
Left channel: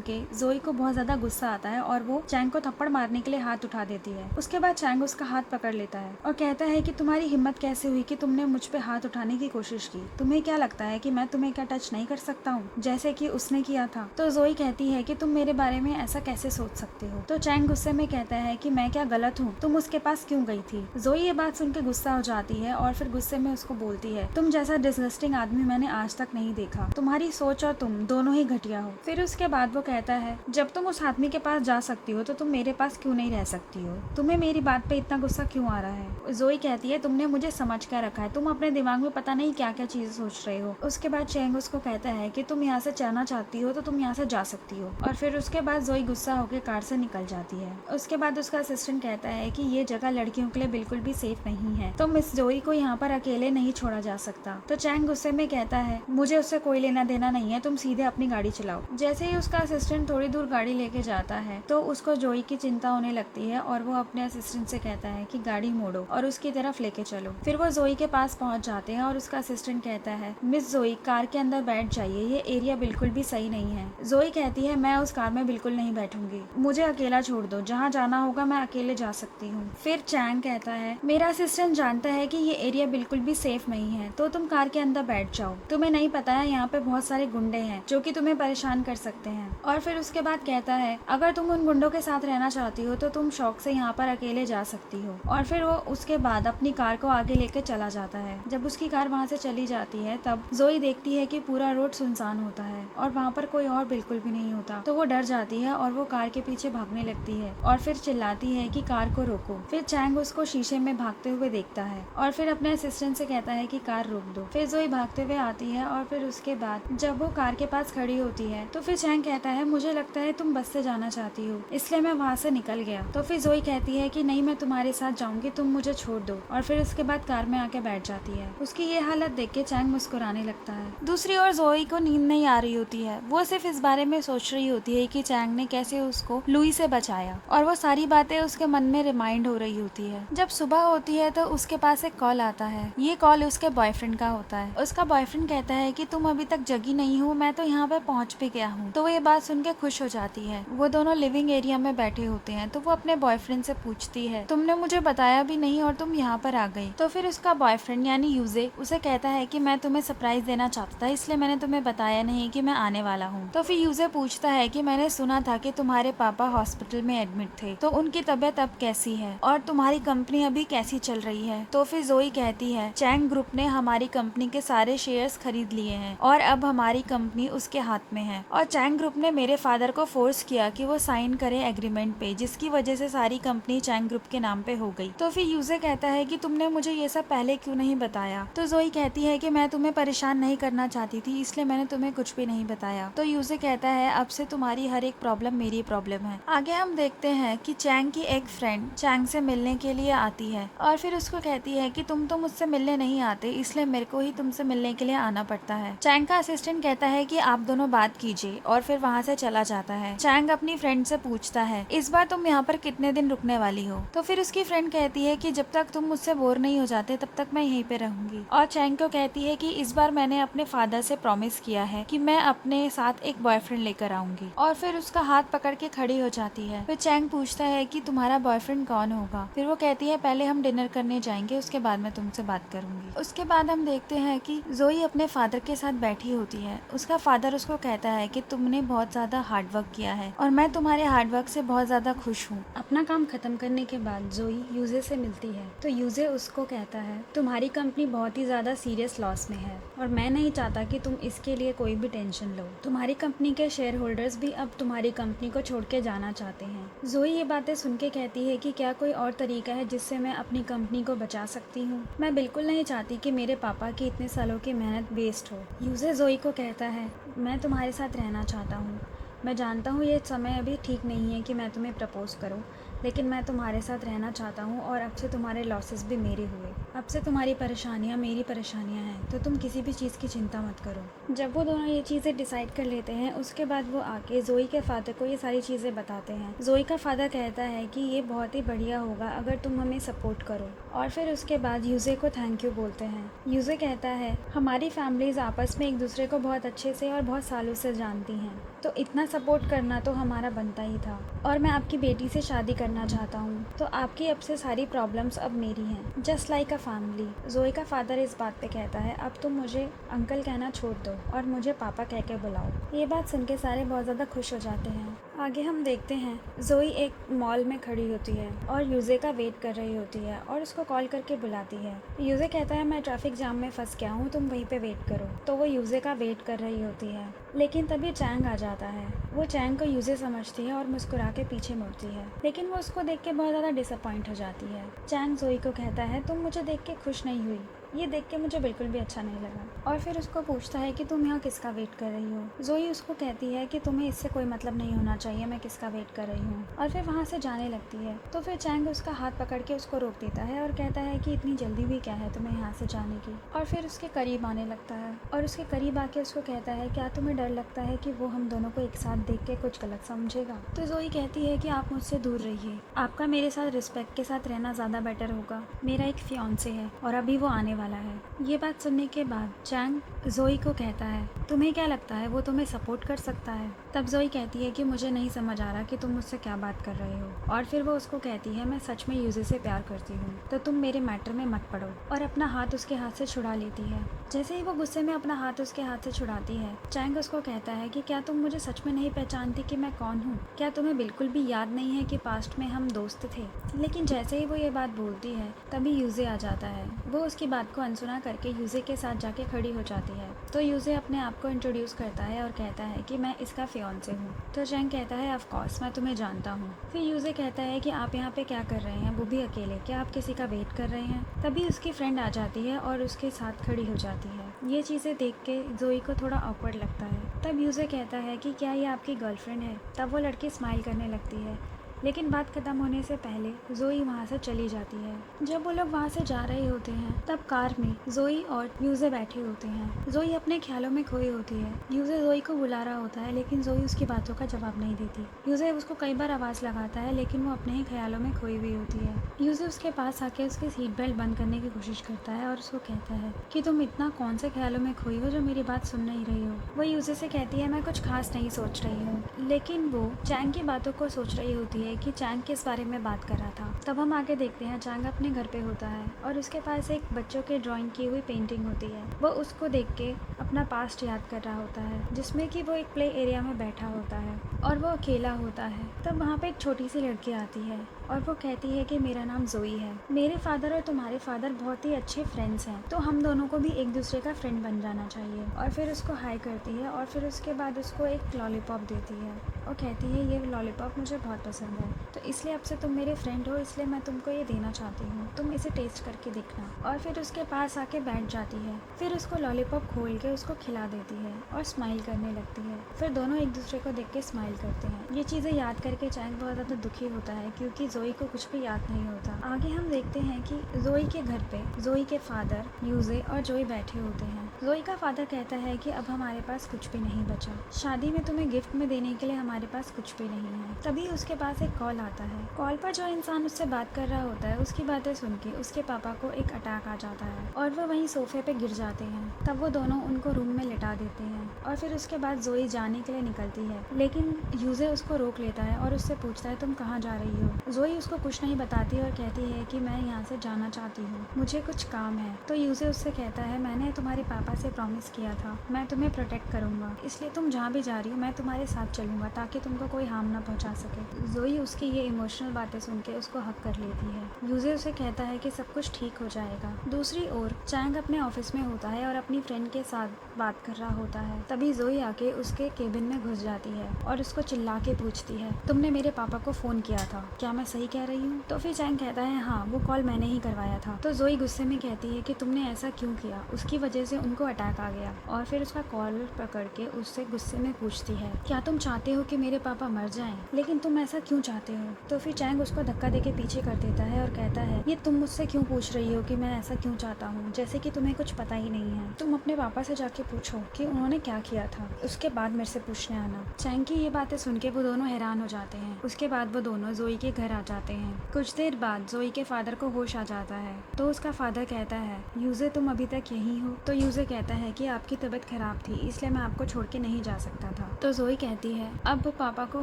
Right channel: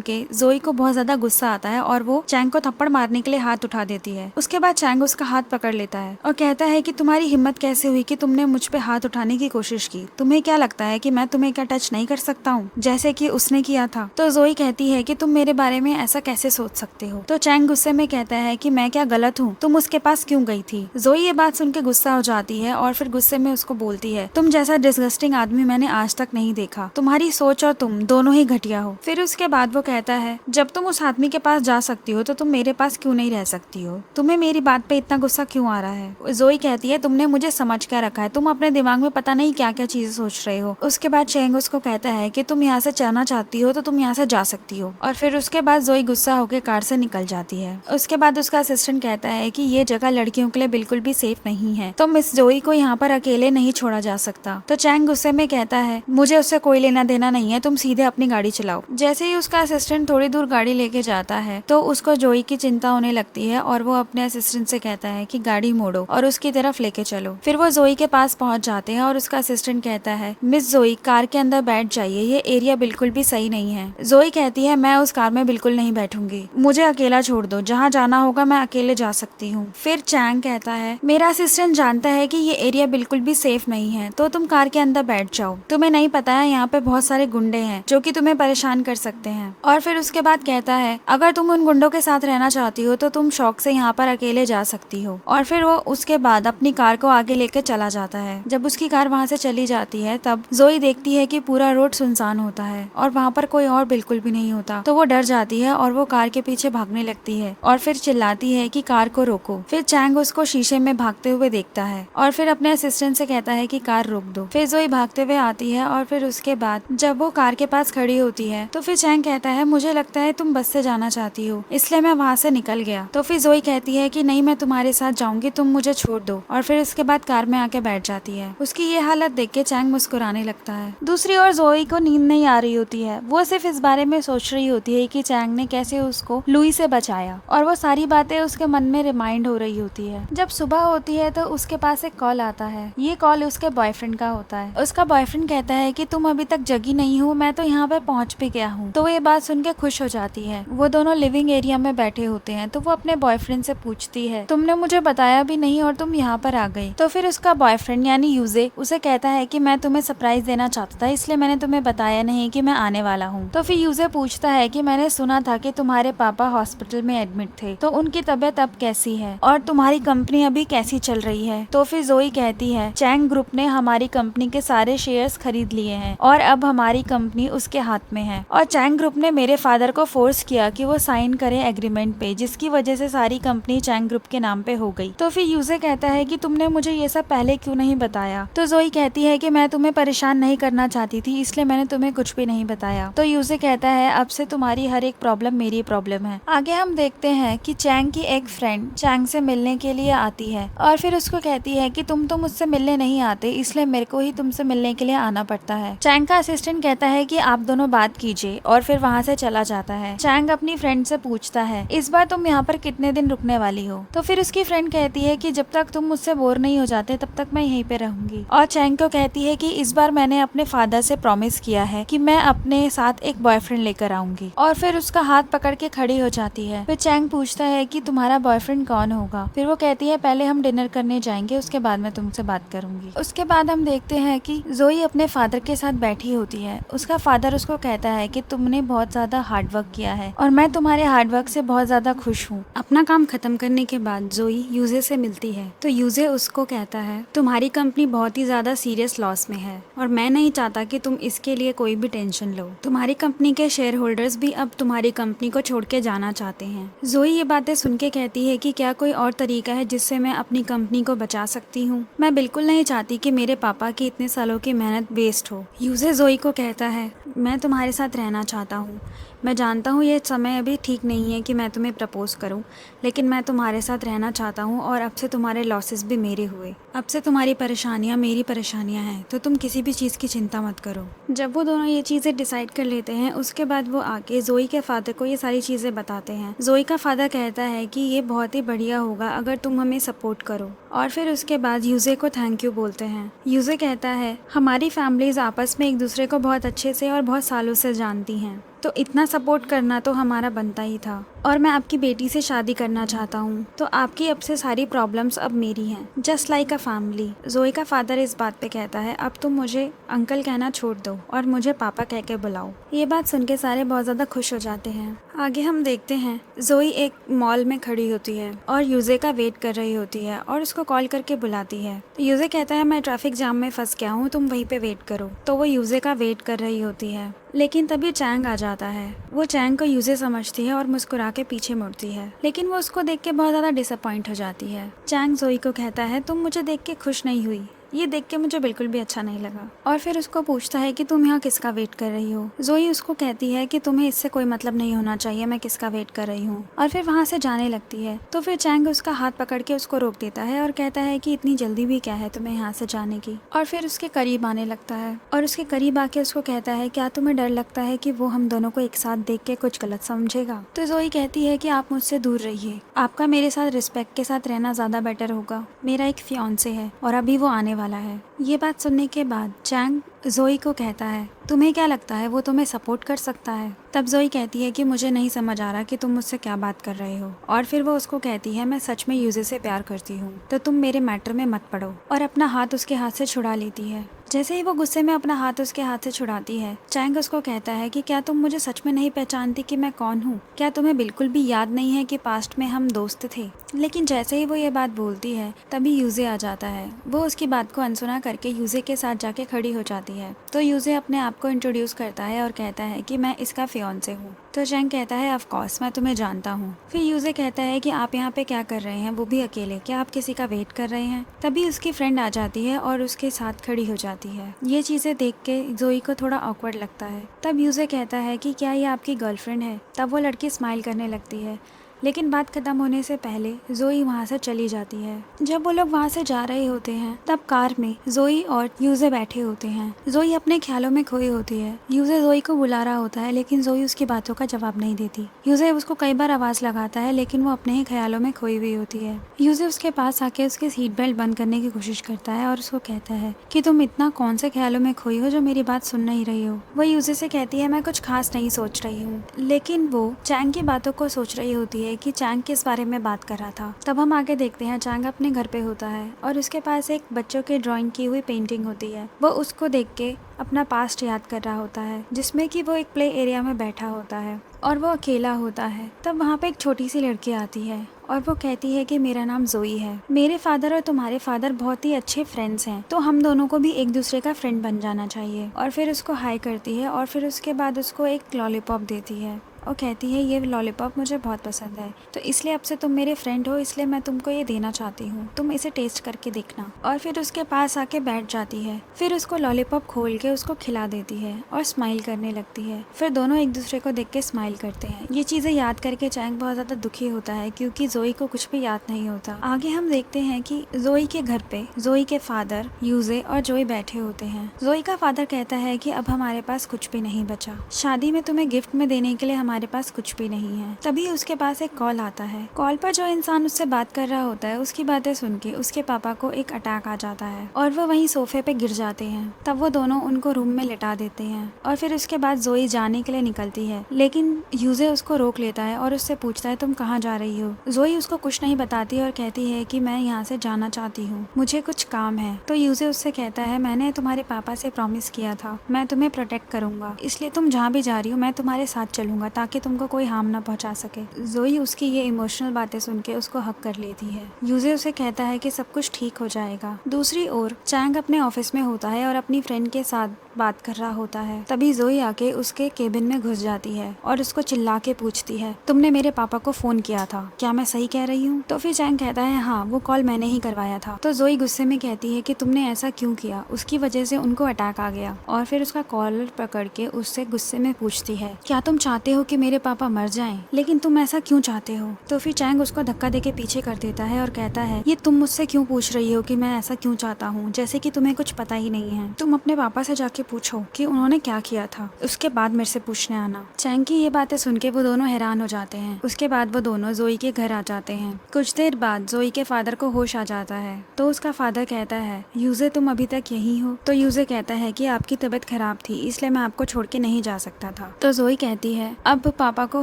के जोई को बहुत ज्यादा गुस्सा आता है और वो चैंग को थप्पड़ मारने के लिए हाथ उठा देती है। उसके बाद चैंग उसका हाथ पकड़ लेता है और कहता है कि तुम्हारी हिम्मत कैसे हुई कि तुमने मुझ पे हाथ उठाने की कोशिश की, तुम्हें क्या लगता है कि मैं तुम्हें क्या टच नहीं कर सकता हूँ जैसे कि उसने किया था। तो जोई कहती है कि तुम मेरे बारे में ऐसा कैसे सोच सकते हो। तो चैंग गुस्से में कहता है कि मैं क्या गलत हूँ, तुम उसके पास क्यों गई थी। जोई ये बात सुन के गुस्सा हो जाती है और फिर गुस्से में उसको बोलती है तुम जैसा डिस्गस्टिंग आदमी मैंने आज तक नहीं देखा, तुम्हारी सोच और तुम दोनों ही घटिया हो। फिर उसके बाद वो कहता है जब तुम उस आदमी के पास जा सकती हो तो तुम मेरे पास क्यों नहीं रह सकती हो, तुम्हें मेरी बात पे इतना गुस्सा क्यों आ रहा है। जोई कहती है तुमने मुझे समझ कर रखा है, तुम अपने दिमाग में पता नहीं क्या क्या चीजें सोच रहे हो। उसके बाद चैंग उसको कहता है कि तुम यहाँ से जाना चाहती हो तो तुम यहाँ से जा सकती हो, और फिर उसके बाद जोई गुस्सा होकर कार से निकल जाती है। उसके बाद उसका असिस्टेंट कहता है कि ये जगह लड़कियों के लिए बिल्कुल भी सेफ नहीं है, तो मिस जोई को यहाँ पर अकेले नहीं छोड़ा जा सकता। तो चैंग गुस्से में कहता है मुझे उससे कोई लेना देना नहीं है, तुम सीधे अपनी गाड़ी चलाओ। जैसे ही उसका असिस्टेंट थोड़ी दूर गाड़ी लेके जाता है तो उसको जोई की चिंता होने लगती है और वो अपने असिस्टेंट से कहता है कि गाड़ी मोड़ो और उसकी तरफ लेके चलो। फिर वो जोई के पास पहुंच जाते हैं और उसका असिस्टेंट कहता है मिस जोई कार के अंदर बैठ जाइए, ये एरिया बिल्कुल भी सही नहीं है। जोई कहती है मैं उस कार में बिल्कुल नहीं बैठूंगी, मुझे अकेला छोड़ दो, जहाँ जाना होगा मैं अकेले जा सकती हूँ। फिर चैंग कहता है मेरा असिस्टेंट जानता है कि ये एरिया बिल्कुल भी सेफ नहीं है तो तुम कार के अंदर बैठ जाओ, तुम्हें नहीं पता है यहाँ पे बहुत सारे गुंडे हैं जो कि तुम्हें परेशान कर सकते हैं। और फिर उसके बाद कहता है अगर तुम उन गुंडों के साथ रहना चाहती हो तो तुम शौक से यहाँ पर अकेले जा सकती हो। और फिर वो उसके बाद अपनी कार को आगे लेकर चला जाता है। जब उसकी कार वहाँ से चली जाती है तब जोई देखती है कि पूरा रोड सुनसान होता है और वहाँ पर कोई और बिल्कुल भी नहीं होता, तो वो डर जाती है और वो कार के पीछे भागने लगती है और फिर चिल्लाती है कि कार को रोको। फिर चैंग उसको शीशे में भागते हुए देखता है और फिर अपने असिस्टेंट से कहता है कि कार रोक दो। फिर जोई भागते हुए आती है और फिर उसके बाद जब वो कार के पास खड़ी होती है तो फिर चैंग कहता है मुझे लगता है तुम बस से जाना चाहती हो इसलिए मैं वहाँ से निकल गया। तो फिर जोई कहती है कि नहीं मैं तुम्हारे साथ जाऊंगी, तुम मुझे छोड़ दो, और फिर उसके बाद कार में आके बैठ जाती है। उसकी ये हालत देख के चैंग मुस्कुराने लगता है। दूसरी ओर जोई को नींद नहीं आ रही होती है, वो सिर्फ इस बारे में सोच रही होती है कि चैंग ने कैसे उसको लुई से बचाया और वो सारी बातें उसके मन में रिमाइंड हो रही होती है। जब सुबह होती है तो उसके पास एक कॉल आता है, ये कॉल उसके बॉयफ्रेंड का होता है। उसका बॉयफ्रेंड कहता है कि तुम अभी तक जगी नहीं हो, मैं तो यहाँ पे पहुँच भी गया हूँ। तो वो ये बात सुन के खुश हो जाती है। वो दोनों लिविंग एरिया में बैठे होते हैं तो वो अपने बॉयफ्रेंड से पूछती है तुमने मुझे बताया भी नहीं और तुम यहाँ पर आ गई। तो फिर उसका बॉयफ्रेंड यानी यूजे उसे कहता है कि मैं तुम्हें सरप्राइज देना चाहता था इसलिए मैंने तुम्हें बताया नहीं कि मैं आने वाला हूँ। तो फिर यूजे पूछता है कि मैंने सुना था कि तुम्हारे पापा हॉस्पिटल में एडमिट थे, तो उनकी तबीयत अब कैसी है और तुम्हारी कंपनी अभी कैसी चल रही है। तो फिर जोई कहती है चैंग ग्रुप ने हमारी कंपनी के सारे शेयर्स खरीद लिए हैं और अब हमारी कंपनी उसके हाथ में है, और चैंग ग्रुप ने मेरे फादर को फोर्स किया कि वो साइन करे एग्रीमेंट पे, जिसकी वजह से सारी कंपनी चैंग ग्रुप के नाम पे हो गई। तो फिर यूजे कहता है कि तुमने मुझे ये सब पहले क्यों नहीं बताया। तो जोई कहती है कि मैं तुम्हें परेशान नहीं करना चाहती थी इसलिए मैंने तुम्हें कुछ भी नहीं बताया। तो यूजे कहता है अब से तुम्हारी हर एक प्रॉब्लम मेरी प्रॉब्लम है। आगे हम देखते हैं कि चैंग की एक फ्रेंड चैंग से मिलने के लिए आती है और फिर उसको कहती है कि तुम तो मुझसे मिलने नहीं आते इसलिए मेरे को ही तुमसे मिलने के लिए आना पड़ता है। चैंग का असिस्टेंट कहता है कि आप दोनों बात कीजिए और फिर वहाँ से चला जाता है। चैंग अपनी फ्रेंड से पूछता है इस बार तुम यहाँ पर कितने दिन रुकने वाली हो। तो फिर उसकी फ्रेंड कहती है कि जब तक तुम मुझसे बोर नहीं हो जाते तब तक मैं यहीं पे रहूंगी। और चैंग को कहती है कि इस बार मैंने अपने फादर से प्रॉमिस किया है कि मैं अपने साथ एक बॉयफ्रेंड लेकर आऊंगी। और फिर उसका हाथ पकड़ के खड़ी हो जाती है। फिर चैंग पूछता है कि तुम्हारा बॉयफ्रेंड कौन होगा। फिर वो कहती है पहले हम डिनर करने जाएंगे उसके बाद मैं तुमसे बात करूंगी। उसके बाद हम देखते हैं कि जोई अपने फादर के साथ बैठी होती है। उसका फादर उसको कहता है कि तुमने बहुत ज्यादा हार्डवर्क किया है और मैं तुम्हारे हार्डवर्क से बहुत ज्यादा खुश हूँ। अपना काम खत्म करने के बाद जोई यूजे से मिलती है तो यूजे उसको कहता है तुम्हारी कंपनी बहुत ही ज्यादा सीरियस लॉस में है और मैं नहीं चाहता कि तुम इसके लिए कोई भी टेंशन लो। तुम्हारी कंपनी के शेयर होल्डर्स भी अब तुम्हारी हमारी कंपनी को छोड़ के जाना चाहते हैं। जोई ये बातें सुन के कहती है कि क्या कोई और तरीका है जिससे मैं अपनी कंपनी को बचा सकती हूँ। मैं बिल्कुल नहीं चाहती कि मेरे पापा की इतने सालों की मेहनत वेस्ट हो। यूजे जोई को कहता है, मैं तुम्हारे साथ रहना चाहता हूँ। मैं जानता हूँ ये समय अभी ठीक नहीं है कि मैं तुम्हें प्रपोज करूँ, लेकिन मैं तुम्हारे साथ रहना चाहता हूँ और अब से तुम्हारे लॉसेस भी मेरे हुए। अब से तुम्हारी परेशानियाँ मेरी परेशानियाँ हैं, तो तुम किसी भी चीज़ की चिंता मत करो। जब वो दोनों ये चीज़ें डिसाइड कर लेते हैं, उसके बाद वो आके जोई के फादर को ये सारी चीज़ें बताते हैं। जोई का फादर कहता है कि ये बहुत ही बढ़िया होगा अगर तुम हमें सपोर्ट करो, और फिर उसके बाद यूजे को थैंक यू बोलते हैं। यूजे कहता है, हमारी फैमिलीज आपस में एक दूसरे को बहुत अच्छे से और बहुत सालों से जानती हैं, तो इतना सपोर्ट करना तो हमारा बनता ही था, और मैं आपकी बेटी से शादी करना चाहता हूँ, तो आपकी अब से सारी प्रॉब्लम्स अब मेरी हैं, जस्ट लाइक अ फैमिली। जोई का फादर इस बात पे कहता है, अब तुम मुझे अंकल कहना छोड़ दो और मुझे पापा कह के बुलाओ। ये बात सुन के सारे बहुत ज़्यादा खुश हो जाते हैं। आगे हम देखते हैं जोई एक मॉल में खड़ी होती है और यूजे का वेट कर रही होती है और उसको कॉल करके बुलाती है। तो यूजे कहता है, मैं ट्रैफिक जाम में फंस गया हूँ, तुम वहीं पे वेट करो। तो वो यूजे का वेट कर रही होती है, लेकिन तभी चैंग आ जाता है। वो चैंग को यूजे समझती है और मुस्कुरा के पीछे मुड़ती है, लेकिन वो उसको देख के बहुत ज़्यादा डिसअपॉइंट हो जाती है। चैंग जोई को कहता है, तुम मुझे देख के खुश नहीं हुई, ये देख के मुझे बिल्कुल भी अच्छा नहीं लगा। और फिर उसको पूछता है कि तुम यहाँ किसका वेट कर रही हो। जोई उसको कहती है कि तुम्हें इससे कोई मतलब नहीं होना चाहिए, मैं किसका वेट कर रही हूँ, और फिर वहाँ से जाने लगती है। तो फिर चैंग उसका हाथ पकड़ के उसको रोक देता है और कहता है कि इतनी जल्दी भी क्या है तुम्हें यहाँ से जाने की, और फिर उसके करीब आने लगता है और उसके करीब आके उसको कहता है, क्या तुम्हें डर लगता है कि वो हम दोनों को एक साथ देख के कुछ गलत समझेगा। तो जोई कहती है कि आप मुझसे दूर रहिए, आपका मेरे साथ रिस्पेक्ट के साथ रहना ज्यादा बेटर होगा, मेरा एक फियांसे है और अभी वो आने वाला है। ये बात सुनने के बाद चैंग जोई को कहता है, तुम्हें क्या लगता है वो तुम्हें सपोर्ट कर सकता है। तब जोई कहती है कि मुझे नहीं समझ आ रहा कि तुम मुझसे क्या बात कर रहे हो, और फिर वो उसको कहती है, मैं सच में यूजे से प्यार करती हूँ, तो तुम मेरे मैटर में मत पड़ो, और अपना हाथ उसके हाथ से छुड़ा लेती है। जैसे ही वो गुस्से में अपना हाथ उसके हाथ से छुड़ाती है, चैंग उसको कहता है कि क्या तुम मुझे सच में नहीं पहचानती कि मैं कौन हूँ, क्या तुम्हें बिल्कुल भी याद नहीं है कि पास्ट में हम दोस्त थे। लेकिन जैसे ही वो ये बात बोलती है, तभी यूजे आ जाता है। वो उसकी बात को अनसुना करके यूजे के साथ जाके खड़ी हो जाती है। तो यूजे अपने आप को इंट्रोड्यूस करता है और कहता है कि मैं इसका फियांसे हूँ। तो चैंग कहता है, ऑफ कोर्स मैं तुम्हें जानता हूँ। फिर यूजे कहता है कि आप यहाँ पे क्या कर रहे हैं, वो भी अकेले, क्या आप किसी का वेट कर रहे हैं। तभी उसकी फ्रेंड आ जाती है और उसके साथ खड़ी हो जाती है। ये चीजें देख के जोई को थोड़ा ऑकवर्ड लगता है। तब यूजे कहता है कि क्या ये आपकी गर्लफ्रेंड है। तब वो लड़की स्माइल करने लगती है, लेकिन बात खत्म होने से पहले जोई वहाँ से चली जाती है। जब वो लोग वहाँ से जा रहे होते हैं, तब कार में जोई और यूजे बैठे होते हैं। जोई अपने ख्यालों में खोई होती है। यूजे जोई को बुला रहा होता है, लेकिन जोई उसकी बातों का जवाब नहीं देती। यूजे उसको कई बार आवाज लगाता है, लेकिन वो अपने ही ख्यालों में खोई हुई होती है। यूजे उसके पास आके उसकी सीट बेल्ट बंद करने की कोशिश करता है और उसको कहता है कि तुम इतना कौन से ख्यालों में खोई हो जो मेरी बात सुन नहीं रही हो। वो यूजे से कहती है, मैं कुछ खास नहीं सोच रही हूँ, लेकिन वो चैंग की बातों को सोच रही होती है कि चैंग किस बारे में बात कर रहा था। तब हम आगे देखते हैं, चैंग अपने घर पे होता है और उसके पास एक बच्चों के ड्राइंग की हुई पेंटिंग होती है। वो उसको देख के अपना पास्ट याद कर रहा होता है, जिसमें कि वो एक प्ले एरिया में बैठा होता है और वो अकेला होता है। तब वहाँ पे एक छोटी सी लड़की आती है और वो कहती है कि मेरा नाम जोई है, मेरे फादर और तुम्हारे फादर बहुत ही अच्छे फ्रेंड्स हैं, तो हम दोनों को भी एक दूसरे का फ्रेंड बन जाना चाहिए। और फिर उसको हाई करती है और फिर उसके बाद उसको एक लॉलीपॉप देती है और कहती है, ये लॉलीपॉप मुझे बहुत पसंद है, तो इसलिए अब से तुम मेरे फ्रेंड हो, इसलिए मैं तुमको ये देना चाहती हूँ, तुम इसे टेस्ट करके देखना। और फिर उसके पास आके बैठ जाती है। फिर उसको लॉलीपॉप खोल के उसको खिला देती है और स्माइल करने लगती है। फिर दोनों एक दूसरे को देख के स्माइल करते हैं। ये चीजें याद करके चैंग बहुत ज्यादा दुखी होता है, क्योंकि जोई को कुछ भी याद नहीं होता। आगे हम देखते हैं कि जोई के घर पे जोई के फादर, यूजे और जोई बैठे होते हैं। जोई का फादर कहता है कि अब हमारे पास कुछ भी नहीं बचा, शादी में तुम्हें गिफ्ट में देने के लिए हमारे पास कुछ भी नहीं है। तभी उसके पास एक कॉल आता है। कॉल पर जो इंसान उससे बात कर रहा होता है, उसकी बातें सुन के उसके पापा को एक अटैक आ जाता है और वो वहीं सोफे पे गिर जाते हैं। तब वो दोनों उनको रूम में लिटा देते हैं और फिर उसके बाद जोई जाने के लिए निकलती है, लेकिन यूजे उसको रोक लेता है और उससे पूछता है, तुम कहाँ जा रही हो। जोई उसको कुछ नहीं बताती और कहती है कि मैं यहाँ से जाना चाहती हूँ, मुझे कुछ काम है। तो यूजे उससे कहता है, मैंने तुम्हारे पापा से प्रॉमिस किया था मैं तुम्हें प्रोटेक्ट करूंगा, इसलिए तुम जहाँ भी जा रही हो मैं तुम्हारे साथ चलूंगा ताकि तुमको कोई हार्म ना पहुंचा सके। जोई उसकी ये इमोशनल बातें सुन के उसको हक कर लेती है। यूजे उसे कहता है कि सब कुछ ठीक हो जाएगा। दूसरी ओर चैंग अपने ऑफिस में होता है और अपनी फ्रेंड के साथ बात कर रहा होता है। तभी जोई आके उसके केबिन में घुस जाती है और उसको चिल्ला के पूछती है, तुमने मेरे पापा को फोन किया था, क्या मैं सही कह रही हूँ? तो फिर चैंग कहता है, हाँ, वो कॉल मैंने ही करवाया था। तो जोई गुस्से में कहती है कि तुमने ऐसा क्यों किया, उसकी वजह से उनको अटैक आ गया। और फिर उसका कॉलर पकड़ के उससे गुस्से में पूछती है, क्या तुम चाहते हो कि मेरे पापा मर जाएं? लेकिन तुम ऐसा क्यों चाहते हो? तो फिर चैंग उसको धक्का देके पीछे कर देता है और कहता है, ये तुम मुझसे क्यों पूछ रही हो कि मैं ऐसा क्यों चाहता हूँ, जैसे कि तुम्हें कुछ पता ही नहीं है। तुम अपने पापा से जाके पूछो कि उन्होंने क्या किया था, उसके बाद मेरे से पूछने आना। चैंग की ये बातें सुन के वो दोनों हैरान हो जाते हैं। उसके बाद वो दोनों जोई के घर आ जाते हैं। कुछ देर बाद जोई के फादर को होश आ जाता है। तो उसका फादर कहता है, यूजे तुम अभी तक यही हो? तो यूजे कहता है कि आपकी तबीयत खराब थी, इसलिए मैं आपको छोड़ के नहीं जा सकता था। तो जोई कहती है, अब पापा को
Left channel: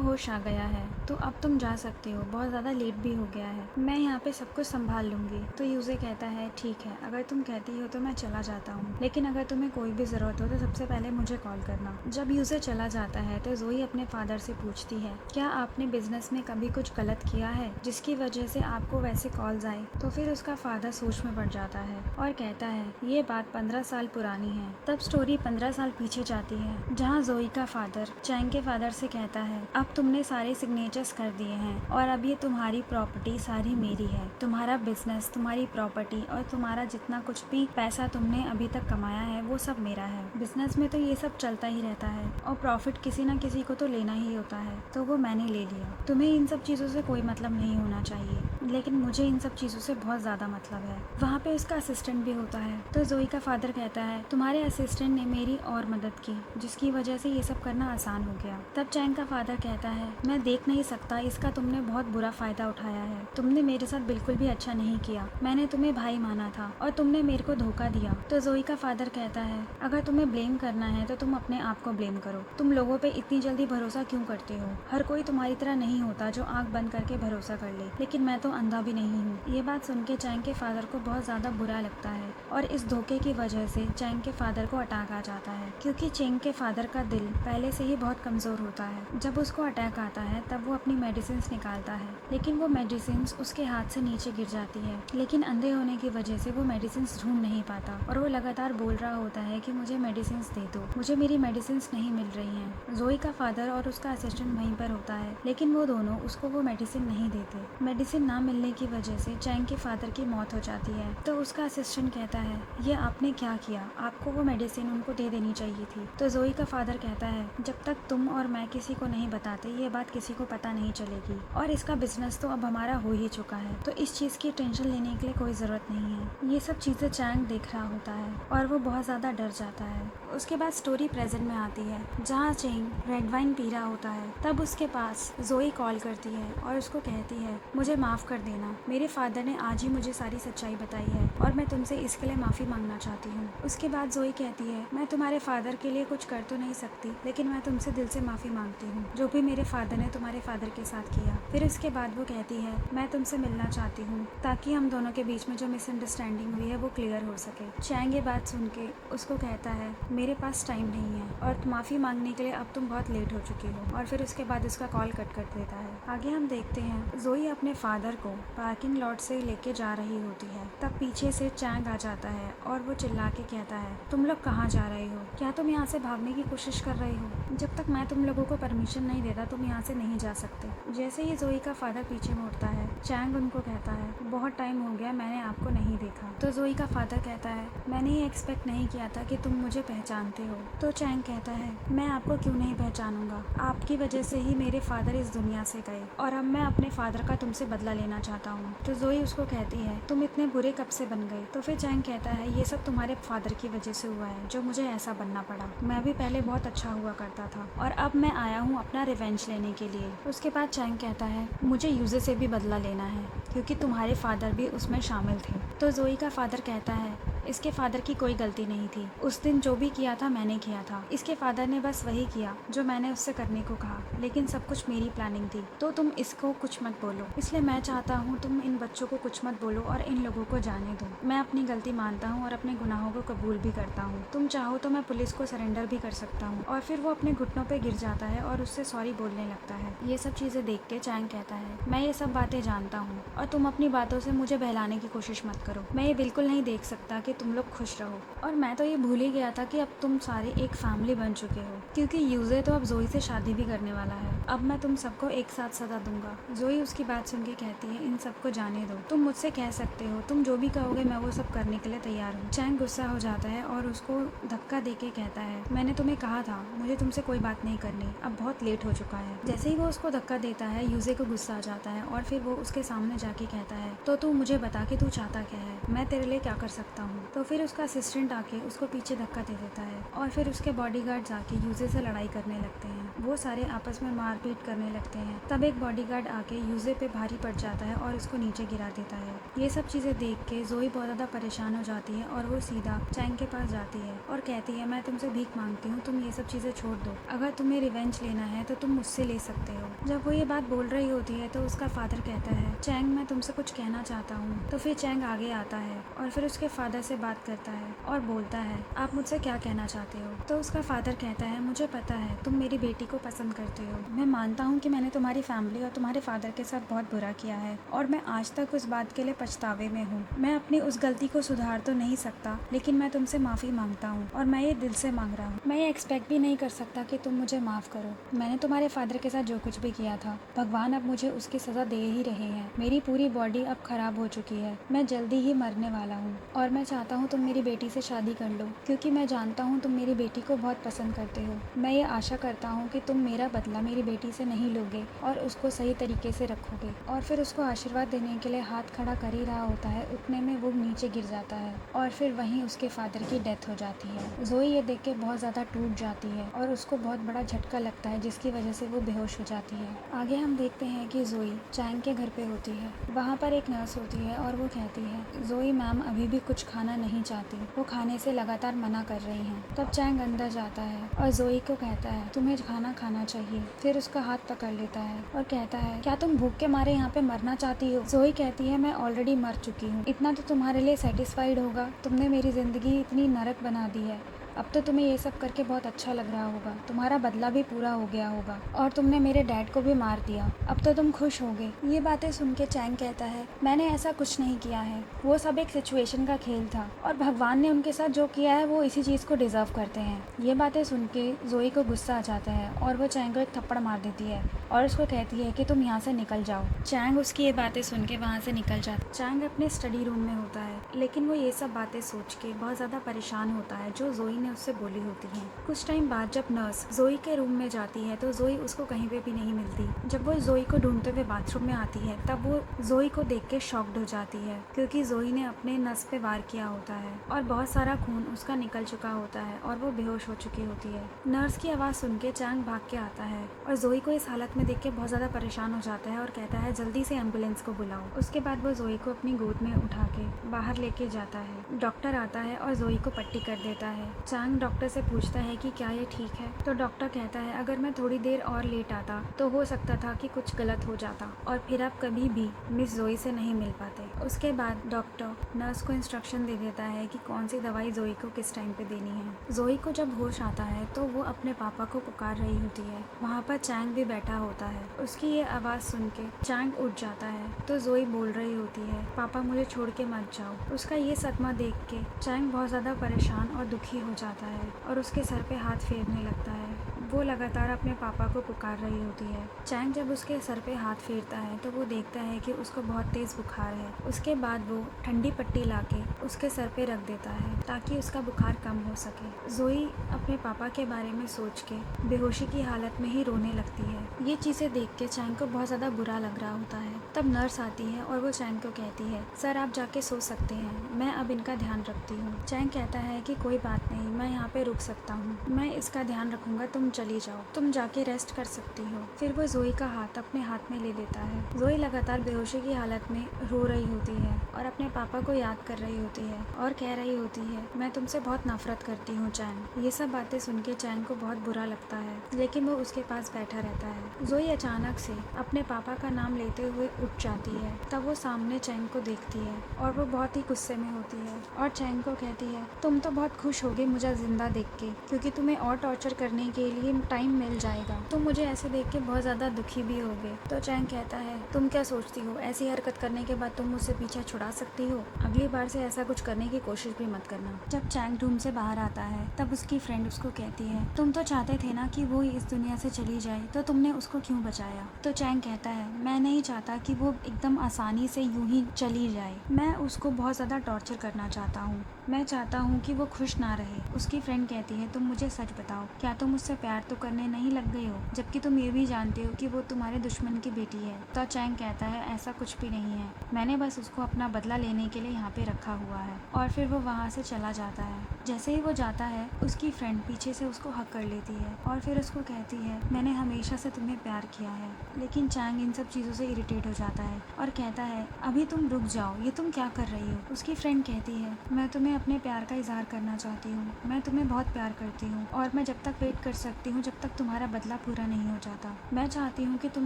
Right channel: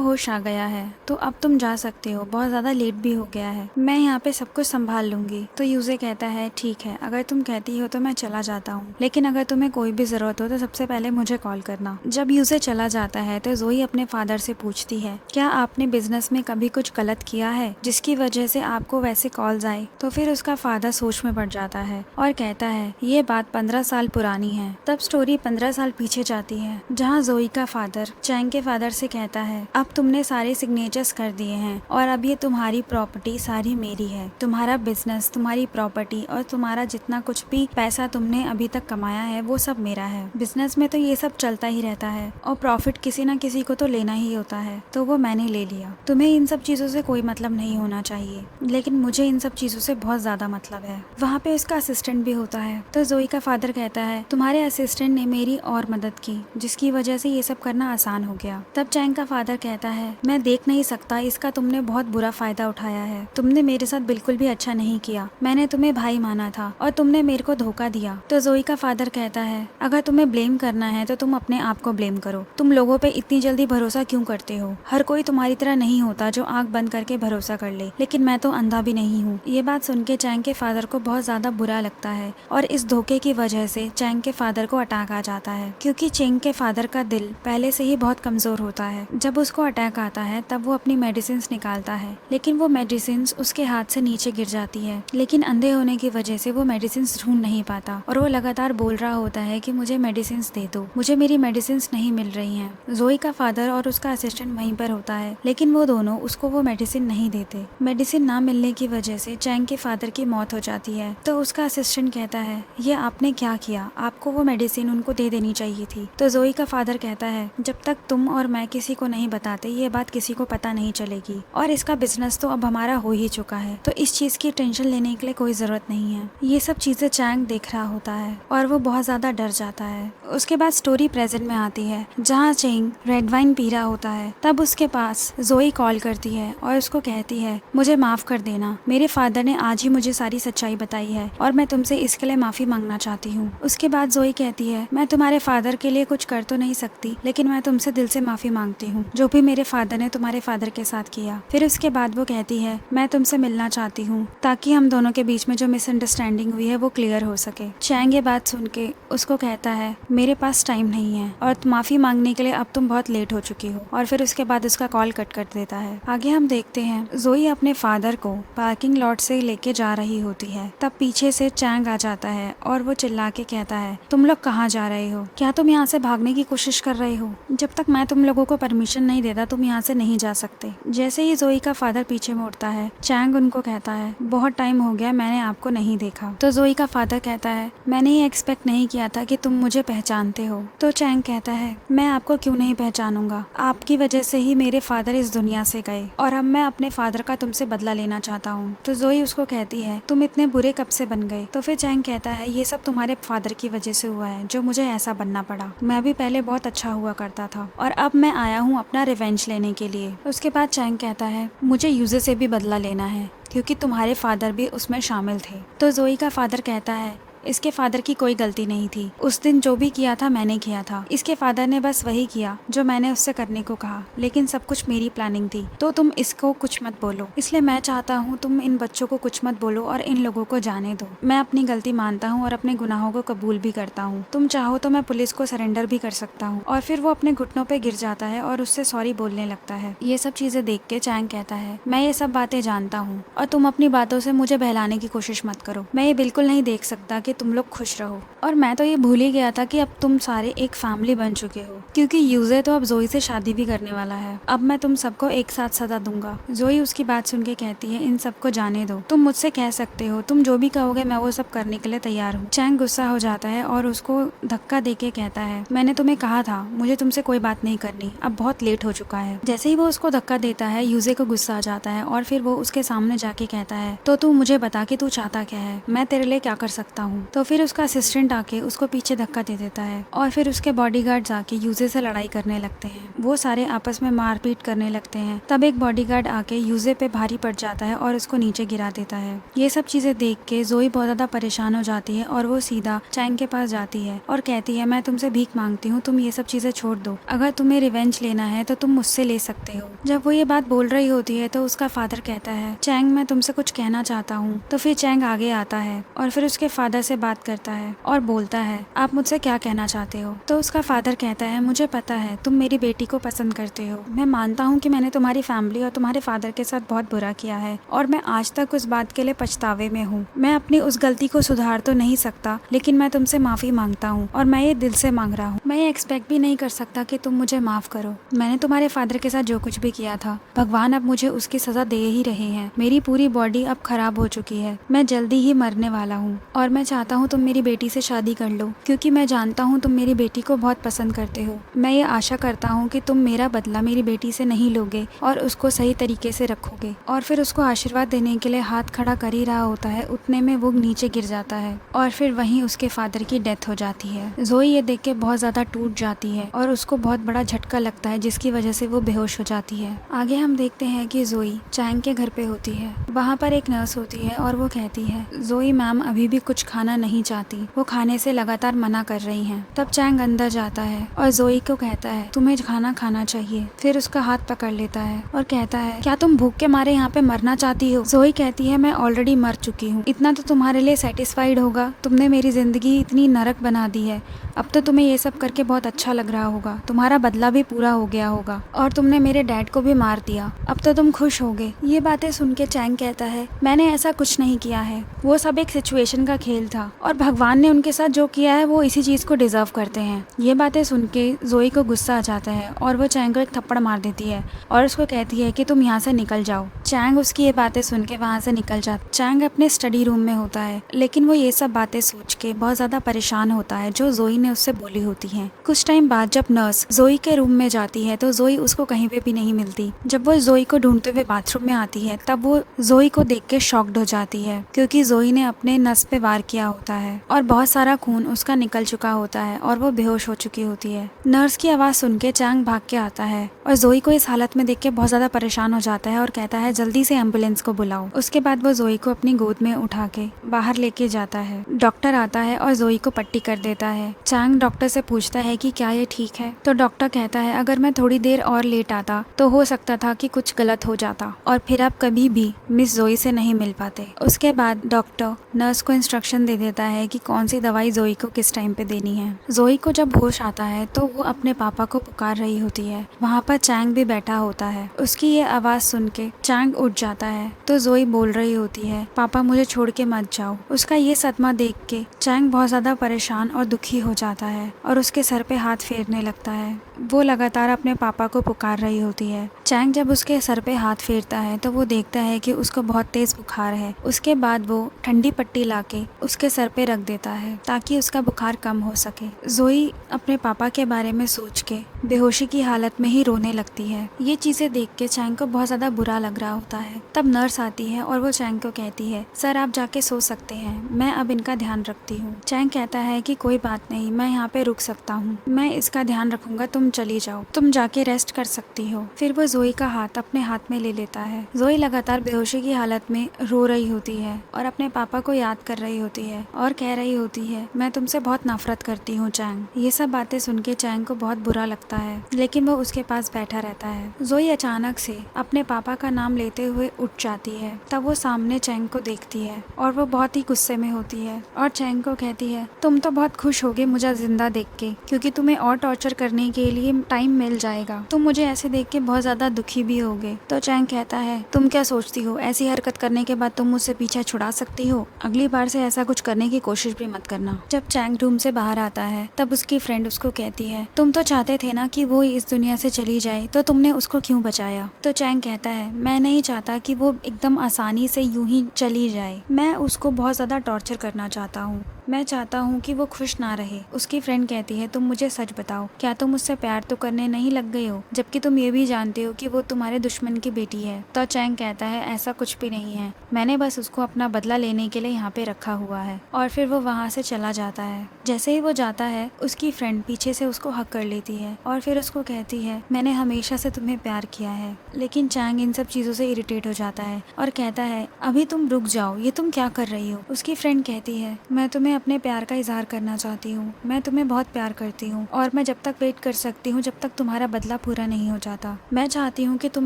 होश आ गया है तो अब तुम जा सकते हो, बहुत ज्यादा लेट भी हो गया है, मैं यहाँ पे सब कुछ संभाल लूंगी। तो यूजे कहता है, ठीक है, अगर तुम कहती हो तो मैं चला जाता हूँ, लेकिन अगर तुम्हें कोई भी जरूरत हो तो सबसे पहले मुझे कॉल करना। जब यूजे चला जाता है तो जोई अपने फादर से पूछती है, क्या आपने बिजनेस में कभी कुछ गलत किया है जिसकी वजह से आपको वैसे कॉल्स आए? तो फिर उसका फादर सोच में पड़ जाता है और कहता है, ये बात 15 साल पुरानी है। तब स्टोरी 15 साल पीछे जाती है, जहाँ जोई का फादर चैंग के फादर से कहता है, अब तुमने सारे सिग्नेचर्स कर दिए हैं और अब ये तुम्हारी प्रॉपर्टी सारी मेरी है, तुम्हारा बिजनेस, तुम्हारी प्रॉपर्टी और तुम्हारा जितना कुछ भी पैसा तुमने अभी तक कमाया है वो सब मेरा है। बिजनेस में तो ये सब चलता ही रहता है और प्रॉफिट किसी ना किसी को तो लेना ही होता है, तो वो मैंने ले लिया। तुम्हें इन सब चीजों से कोई मतलब नहीं होना चाहिए, लेकिन मुझे इन सब चीजों से बहुत ज्यादा मतलब है। वहाँ पे उसका असिस्टेंट भी होता है। तो जोई का फादर कहता है, तुम्हारे असिस्टेंट ने मेरी और मदद की, जिसकी वजह से ये सब करना आसान हो गया। तब चैंग का फादर कहता है, मैं देख नहीं सकता, इसका तुमने बहुत बुरा फायदा उठाया है, तुमने मेरे साथ बिल्कुल भी अच्छा नहीं किया, मैंने तुम्हें भाई माना था और तुमने मेरे को धोखा दिया। तो जोई का फादर कहता है, अगर तुम्हें ब्लेम करना है तो तुम अपने आप को ब्लेम करो, तुम लोगों पे इतनी जल्दी भरोसा क्यों करते हो? हर कोई तुम्हारी तरह नहीं होता जो आंख बंद करके भरोसा कर ले, लेकिन मैं तो अंधा भी नहीं हूँ। ये बात सुन के चैंग के फादर को बहुत ज्यादा बुरा लगता है और इस धोखे की वजह से चैंग के फादर को अटैक आ जाता है, क्योंकि चैंग के फादर का दिल पहले से ही बहुत कमजोर होता है। जब उसको अटैक आता है तब वो अपनी मेडिसिन निकालता है, लेकिन वो मेडिसिन उसके हाथ से नीचे गिर जाती है, लेकिन अंधे होने की वजह से वो मेडिसिन ढूंढ नहीं पाता और वो लगातार बोल रहा होता है कि मुझे मेडिसिन दे दो, मुझे मेरी मेडिसिन नहीं मिल रही हैं। जोई का फादर और उसका असिस्टेंट वहीं पर होता है, लेकिन वो दोनों उसको वो मेडिसिन नहीं देते। मेडिसिन ना मिलने की वजह से चैंग के फादर की मौत हो जाती है। तो उसका असिस्टेंट कहता है, ये आपने क्या किया, आपको वो मेडिसिन उनको दे देनी चाहिए थी। तो जोई का फादर कहता है, जब तक तुम और मैं किसी को नहीं बताते ये बात किसी को पता नहीं चलेगी, और इसका बिजनेस तो अब हमारा हो ही चुका है, तो इस चीज की टेंशन लेने के लिए कोई जरूरत नहीं है। ये सब चीजें चैंग देख रहा होता है और वो बहुत ज्यादा डर जाता है। उसके बाद स्टोरी प्रेजेंट में आती है, जहाँ चैंग रेड वाइन पी रहा होता है। तब उसके पास जोई कॉल करती है और उसको कहती है, मुझे माफ कर देना, मेरे फादर ने आज ही मुझे सारी सच्चाई बताई है और मैं तुमसे इसके लिए माफी मांगना चाहती हूँ। उसके बाद जोई कहती है, मैं तुम्हारे फादर के लिए कुछ कर तो नहीं सकती, लेकिन मैं तुमसे दिल से माफी मांगती हूँ जो भी मेरे फादर ने तुम्हारे फादर के साथ किया। फिर उसके बाद वो कहती है, मैं तुमसे मिलना चाहती हूँ ताकि हम दोनों के बीच में जो मिसअंडरस्टैंडिंग हुई है वो क्लियर हो सके। चैंग ये बात सुन के उसको कहता है, मेरे पास टाइम नहीं है और माफी मांगने के लिए अब तुम बहुत लेट हो चुकी हो, और फिर उसके बाद उसका कॉल कट कर देता है। आगे हम देखते हैं जोई अपने फादर को पार्किंग लॉट से लेके जा रही होती है। तब पीछे से चैंग आ जाता है और वो चिल्ला के कहता है, तुम लोग कहाँ जा रहे हो? क्या तुम यहाँ से भागने की कोशिश कर रहे हो? जब तक मैं तुम लोगों को परमिशन नहीं देता तुम यहाँ से नहीं जा सकते। जैसे ही जोई का फादर पीछे मुड़ता है, चैंग उनको कहता है, बहुत टाइम हो गया मैंने आपको नहीं देखा। तो जोई का फादर कहता है, मैंने ये एक्सपेक्ट नहीं किया था कि तुम मुझे पहचानते हो। तो चैंग कहता है, मैं आपको क्यों नहीं पहचानूंगा, आपकी वजह से ही मेरे फादर इस दुनिया से गए और अब मैं अपने फादर का तुमसे बदला लेना चाहता हूँ। तो जोई उसको कहती है, तुम इतने बुरे कब से बन गए? तो फिर चैंग कहता है, ये सब तुम्हारे फादर की वजह से हुआ है जो मुझे ऐसा बनना पड़ा। मैं भी पहले बहुत अच्छा हुआ करता था और अब मैं आया हूँ अपना रिवेंज लेने के लिए। उसके बाद चैंग कहता है, मुझे यूजे से भी बदला लेना है क्योंकि तुम्हारे फादर भी उसमें शामिल थे। तो जोई का फादर कहता है, इसके फादर की कोई गलती नहीं थी। उस दिन जो भी किया था मैंने किया था। इसके फादर ने बस वही किया जो मैंने उससे करने को कहा, लेकिन सब कुछ मेरी प्लानिंग थी। तो तुम इसको कुछ मत बोलो। इसलिए मैं चाहता हूँ तुम इन बच्चों को कुछ मत बोलो और इन लोगों को जाने दो। मैं अपनी गलती मानता हूँ और अपने गुनाहों को कबूल भी करता हूँ। तुम चाहो तो मैं पुलिस को सरेंडर भी कर सकता हूँ। और फिर वो अपने घुटनों पे गिर जाता है और उससे सॉरी बोलने लगता है। ये सब चीजें देख के चैंग कहता है, मैं ये सब बातें जानता हूँ और तुम अपनी बातों से मुझे बहलाने की कोशिश मत करो। मैं ये बिल्कुल नहीं देख सकता कि तुम लोग खुश रहो। और मैं तो ये भूल ही गया था कि अब तुम सारे एक फैमिली बन चुके हो, क्योंकि यूजे तो अब जोई से शादी भी करने वाला है। अब मैं तुम सबको एक साथ सजा दूंगा। जोई उसकी बात सुन के कहती है, इन सबको जाने दो। तुम मुझसे कह सकते हो, तुम जो भी कहोगे मैं वो सब करने के लिए तैयार हूँ। चैंग गुस्सा हो जाता है और उसको धक्का देके कहता है, मैंने तुम्हें कहा था मुझे तुमसे कोई बात नहीं करनी, अब बहुत लेट हो चुका है। जैसे ही वो उसको धक्का देता है यूजे को गुस्सा आ जाता है और फिर वो उसके सामने जाके कहता है, तो तू मुझे बता कि तू चाहता क्या है, मैं तेरे लिए क्या कर सकता हूँ। तो फिर उसका असिस्टेंट आके उसको पीछे धक्का दे देता है और फिर उसके बॉडीगार्ड्स आके यूजे से लड़ाई करने लगते हैं। वो सारे आपस में मारपीट करने लगते हैं। तब एक बॉडीगार्ड आके यूजे पे भारी पड़ जाता है और उसको नीचे गिरा देता है। ये सब चीजें देख के जोई बहुत ज्यादा परेशान हो जाती है और वो सीधा चैंग के पास जाती है और कहती है, मैं तुमसे भीख मांगती हूँ, तुम ये सब चीजें छोड़ दो। अगर तुम्हें रिवेंज लेना है तो तुम मुझसे ले सकते हो। जब वो ये बात बोल रही होती है तो उसका फादर कहता है, चैंग मैं तुमसे कुछ कहना चाहता हूँ। तो फिर चैंग आगे आता है और फिर उसके फादर से बात करता है और बोलता है, आप मुझसे क्या कहना चाहते हो। तो उसका फादर कहता है, मुझे पता है तुम मेरी बेटी को पसंद करते हो। मैं मानता हूँ कि मैंने तुम्हारी फैमिली और तुम्हारे फादर के साथ बहुत बुरा किया है और मैं आज तक उस बात के लिए पछतावे में हूँ। मैं अपनी उस गलती को सुधार तो नहीं सकता, लेकिन मैं तुमसे माफी मांगता हूँ और मैं ये दिल से मांग रहा हूँ। मैं ये एक्सपेक्ट भी नहीं कर सकता कि तुम मुझे माफ करो। मैंने तुम्हारे फादर के साथ जो कुछ भी किया था, भगवान अब मुझे उसकी सजा दे ही रहे हैं। मेरी पूरी बॉडी अब खराब हो चुकी है, मैं जल्दी ही मरने वाला हूँ और मैं चाहता हूँ तुम मेरी बेटी से शादी कर लो, क्योंकि मैं जानता हूँ तुम मेरी बेटी को बहुत पसंद करते हो। मैं ये आशा करता हूँ कि तुम मेरा बदला मेरी बेटी से नहीं लोगे और उसको सही तरीके से रखोगे। और फिर उसको आशीर्वाद देने के लिए हाथ खड़ा कर ही रहा होता है, उतने में वो नीचे गिर जाता है और फिर वहीं उसके फादर की डेथ हो जाती है। जोई ये देख के बहुत ज्यादा टूट जाती है और उसको बहुत बड़ा झटका लगता है, जिसकी वजह से वो बेहोश हो जाती है। आगे हम देखते हैं कि जोई चैंग के घर पे होती है। वहाँ पर एक नर्स होती है और वो कहती है, जोई मैम अभी भी कुछ खाना नहीं चाहती, वो खाने से लगातार मना कर रही हैं। तब चैंग अंदर जाता है और जोई को कहता है, तुम्हें खाना खाना चाहिए। फिर उसका हाथ पकड़ लेता है और कहता है, क्या तुम भूख के मारे यहाँ पे मरना चाहती हो। जोई कहती है, मैं ऑलरेडी मर चुकी हूँ, इतना तो तुम्हारे लिए सेटिस्फाइड होगा। तुमने मेरी जिंदगी इतनी नरक बना दी है, अब तो तुम्हें ये सब करके बहुत अच्छा लग रहा होगा, तुम्हारा बदला भी पूरा हो गया होगा और तुमने मेरे डैड को भी मार दिया, अब तो तुम खुश होगे। ये बातें सुन के चैंग कहता है, मैंने ऐसा कुछ नहीं किया है, वो सब एक सिचुएशन का खेल था और भगवान ने उनके साथ जो किया है वो इसी चीज को डिजर्व करते हैं। ये बातें सुन के जोई को गुस्सा आ जाता है और वो चैंग को एक थप्पड़ मार देती है और उसको कहती है कि तुम यहाँ से निकल जाओ। चैंग उसकी ये बातें सुन के वहाँ से निकल जाता। चैंग अपने स्टडी रूम में होता है, लेकिन वो ये सब बातें सोच के बहुत ज्यादा परेशान होता है जो जोई ने उससे बोली होती हैं। कुछ टाइम बाद जब नर्स जोई के रूम में जाती है तो जोई उसको कहीं पे भी नहीं मिलती। जब वो जोई को ढूंढते हुए बाथरूम में आती है तब वो जोई को देख के शॉक्ड हो जाती है, क्योंकि जोई ने अपने नस पे वार किया होता है और बहुत सारा खून उसका निकल चुका होता है और वो बेहोश हो चुकी होती है। नर्स की आवाज सुन के चैंग भाग के आता है और जोई को इस हालत में देख के बहुत ज्यादा परेशान हो जाता है और कहता है, जल्दी से एम्बुलेंस को बुलाओ। उसके बाद वो जोई को अपनी गोद में उठा के बाहर लेके जाता है। डॉक्टर आता है और जोई को पट्टी कर देता है। चैंग डॉक्टर से पूछता है कि क्या ये ठीक है, तो डॉक्टर कहता है, अगर मैं थोड़ी देर और लेट आता तो हो सकता था कि कुछ गलत हो जाता और फिर आप कभी भी मिस जोई से नहीं मिल पाते। उसके बाद डॉक्टर नर्स को इंस्ट्रक्शन दे देता है कि कौन सी दवाई जोई को किस टाइम पे देनी है। जोई को जब होश आता है तो वो अपने पापा को पुकार रही होती है। वहाँ पर चैंग भी बैठा होता है। उसकी ये आवाज सुन के चैंग उठ जाता है तो जोई बोल रही होती है, पापा मुझे छोड़ के मत जाओ। उसका ये सदमा देख के चैंग बहुत ज्यादा परेशान और दुखी हो जाता है और उसके सर पे हाथ फेरने लगता है। वो लगातार अपने पापा को पुकार रही होती है। चैंग जब उसके सर पे हाथ फेरता है तो वो देखता है कि उसको बहुत तेज बुखार है। उसके बाद वो ठंडी पट्टी लाके उसके सर पे रख देता है ताकि उसका बुखार कम हो सके। जोई अपने पापा के बारे में सोच के बेहोशी की हालत में ही रोने लगती है। ये चीजें देख के चैंग को बहुत ज्यादा बुरा लग रहा होता है। तब नर्स आती है और वो चैंग को कहती है, सर आप जाके सो सकते हैं, मैं अब इनका ध्यान रखती हूँ। चैंग कहता है कि कोई बात नहीं, मैं यहाँ पे रुक सकता हूँ, मैं इसका ध्यान रखूंगा, तुम चली जाओ, तुम जाके रेस्ट कर सकती हो। फिर वो जोई का हाथ अपने हाथ में ले लेता है। जोई लगातार बेहोशी की हालत में रो रही होती है और अपने पापा को याद कर रही होती है और कह रही होती है, मैं तुमसे बहुत नफरत करती हूँ चैंग। ये सब बातें सुन के चैंग को बहुत बुरा लगता है, लेकिन वो उसके पास बैठा रहता है। जोई अचानक से अपने पापा का नाम लेते हुए उठ जाती है। तब वो सामने चैंग को देखती है और वो बहुत ही गुस्से में होती है और चैंग को कहती है, तुम तो बहुत खुश होगे मुझे जिंदा देख के, क्योंकि तुम्हें और टॉर्चर करने के लिए टाइम मिल जाएगा। तुम मुझे ऐसे देख के बहुत ज्यादा दुखी भी होगे। तो चैंग कहता है, तुम क्या सोचती हो, ऐसी हरकत करने के बाद तुम मुझसे पीछा छुड़ा सकती हो? अगली बार से ऐसा कुछ करने की कोशिश भी मत करना। जब चैंग रूम से बाहर आता है तब उसकी फ्रेंड उसको कहती है, तुम तो चाहते थे ना कि वो इस दुनिया से चली जाए, तो तुमने उसको क्यों बचाया? तो चैंग कहता है, मैं नहीं चाहता कि वो एकदम आसानी से यूं ही चली जाए, मैं उसको बहुत ज्यादा टॉर्चर करना चाहता हूँ, मैं चाहता हूँ कि वो खुश ना रहे। उसकी फ्रेंड कहती है, तुम मुझे सच बताओ, क्या तुम उससे प्यार तो करने नहीं लग गई हो, जबकि तुम ये भी जानते हो कि वो तुम्हारे दुश्मन की बेटी है? तो चैंग कहता है, ऐसा कुछ भी नहीं है, मैंने बस उसको अपना बदला लेने के लिए यहाँ पे रखा हुआ है। और फिर वो वहाँ से चला जाता है। जैसे ही वो जाता है उसकी फ्रेंड पीछे से उसको हक कर लेती है और फिर उसको कहती है, मैंने हमेशा से तुम्हें प्यार किया है। लेकिन चैंग इन सब चीजों से इरिटेट हो जाता है और कहता है, अभी तुम रुक जाओ, ये तुम क्या कर रही हो? उसकी फ्रेंड कहती है, मैं तुम्हें अपने प्यार का इजहार करना चाहती हूँ, मैं तुम्हें बहुत प्यार करती हूँ और मैं जब तक वेट कर सकती हूँ जब तक तुम्हारा बदला पूरा नहीं हो जाता। मैं चाहती हूँ कि तुम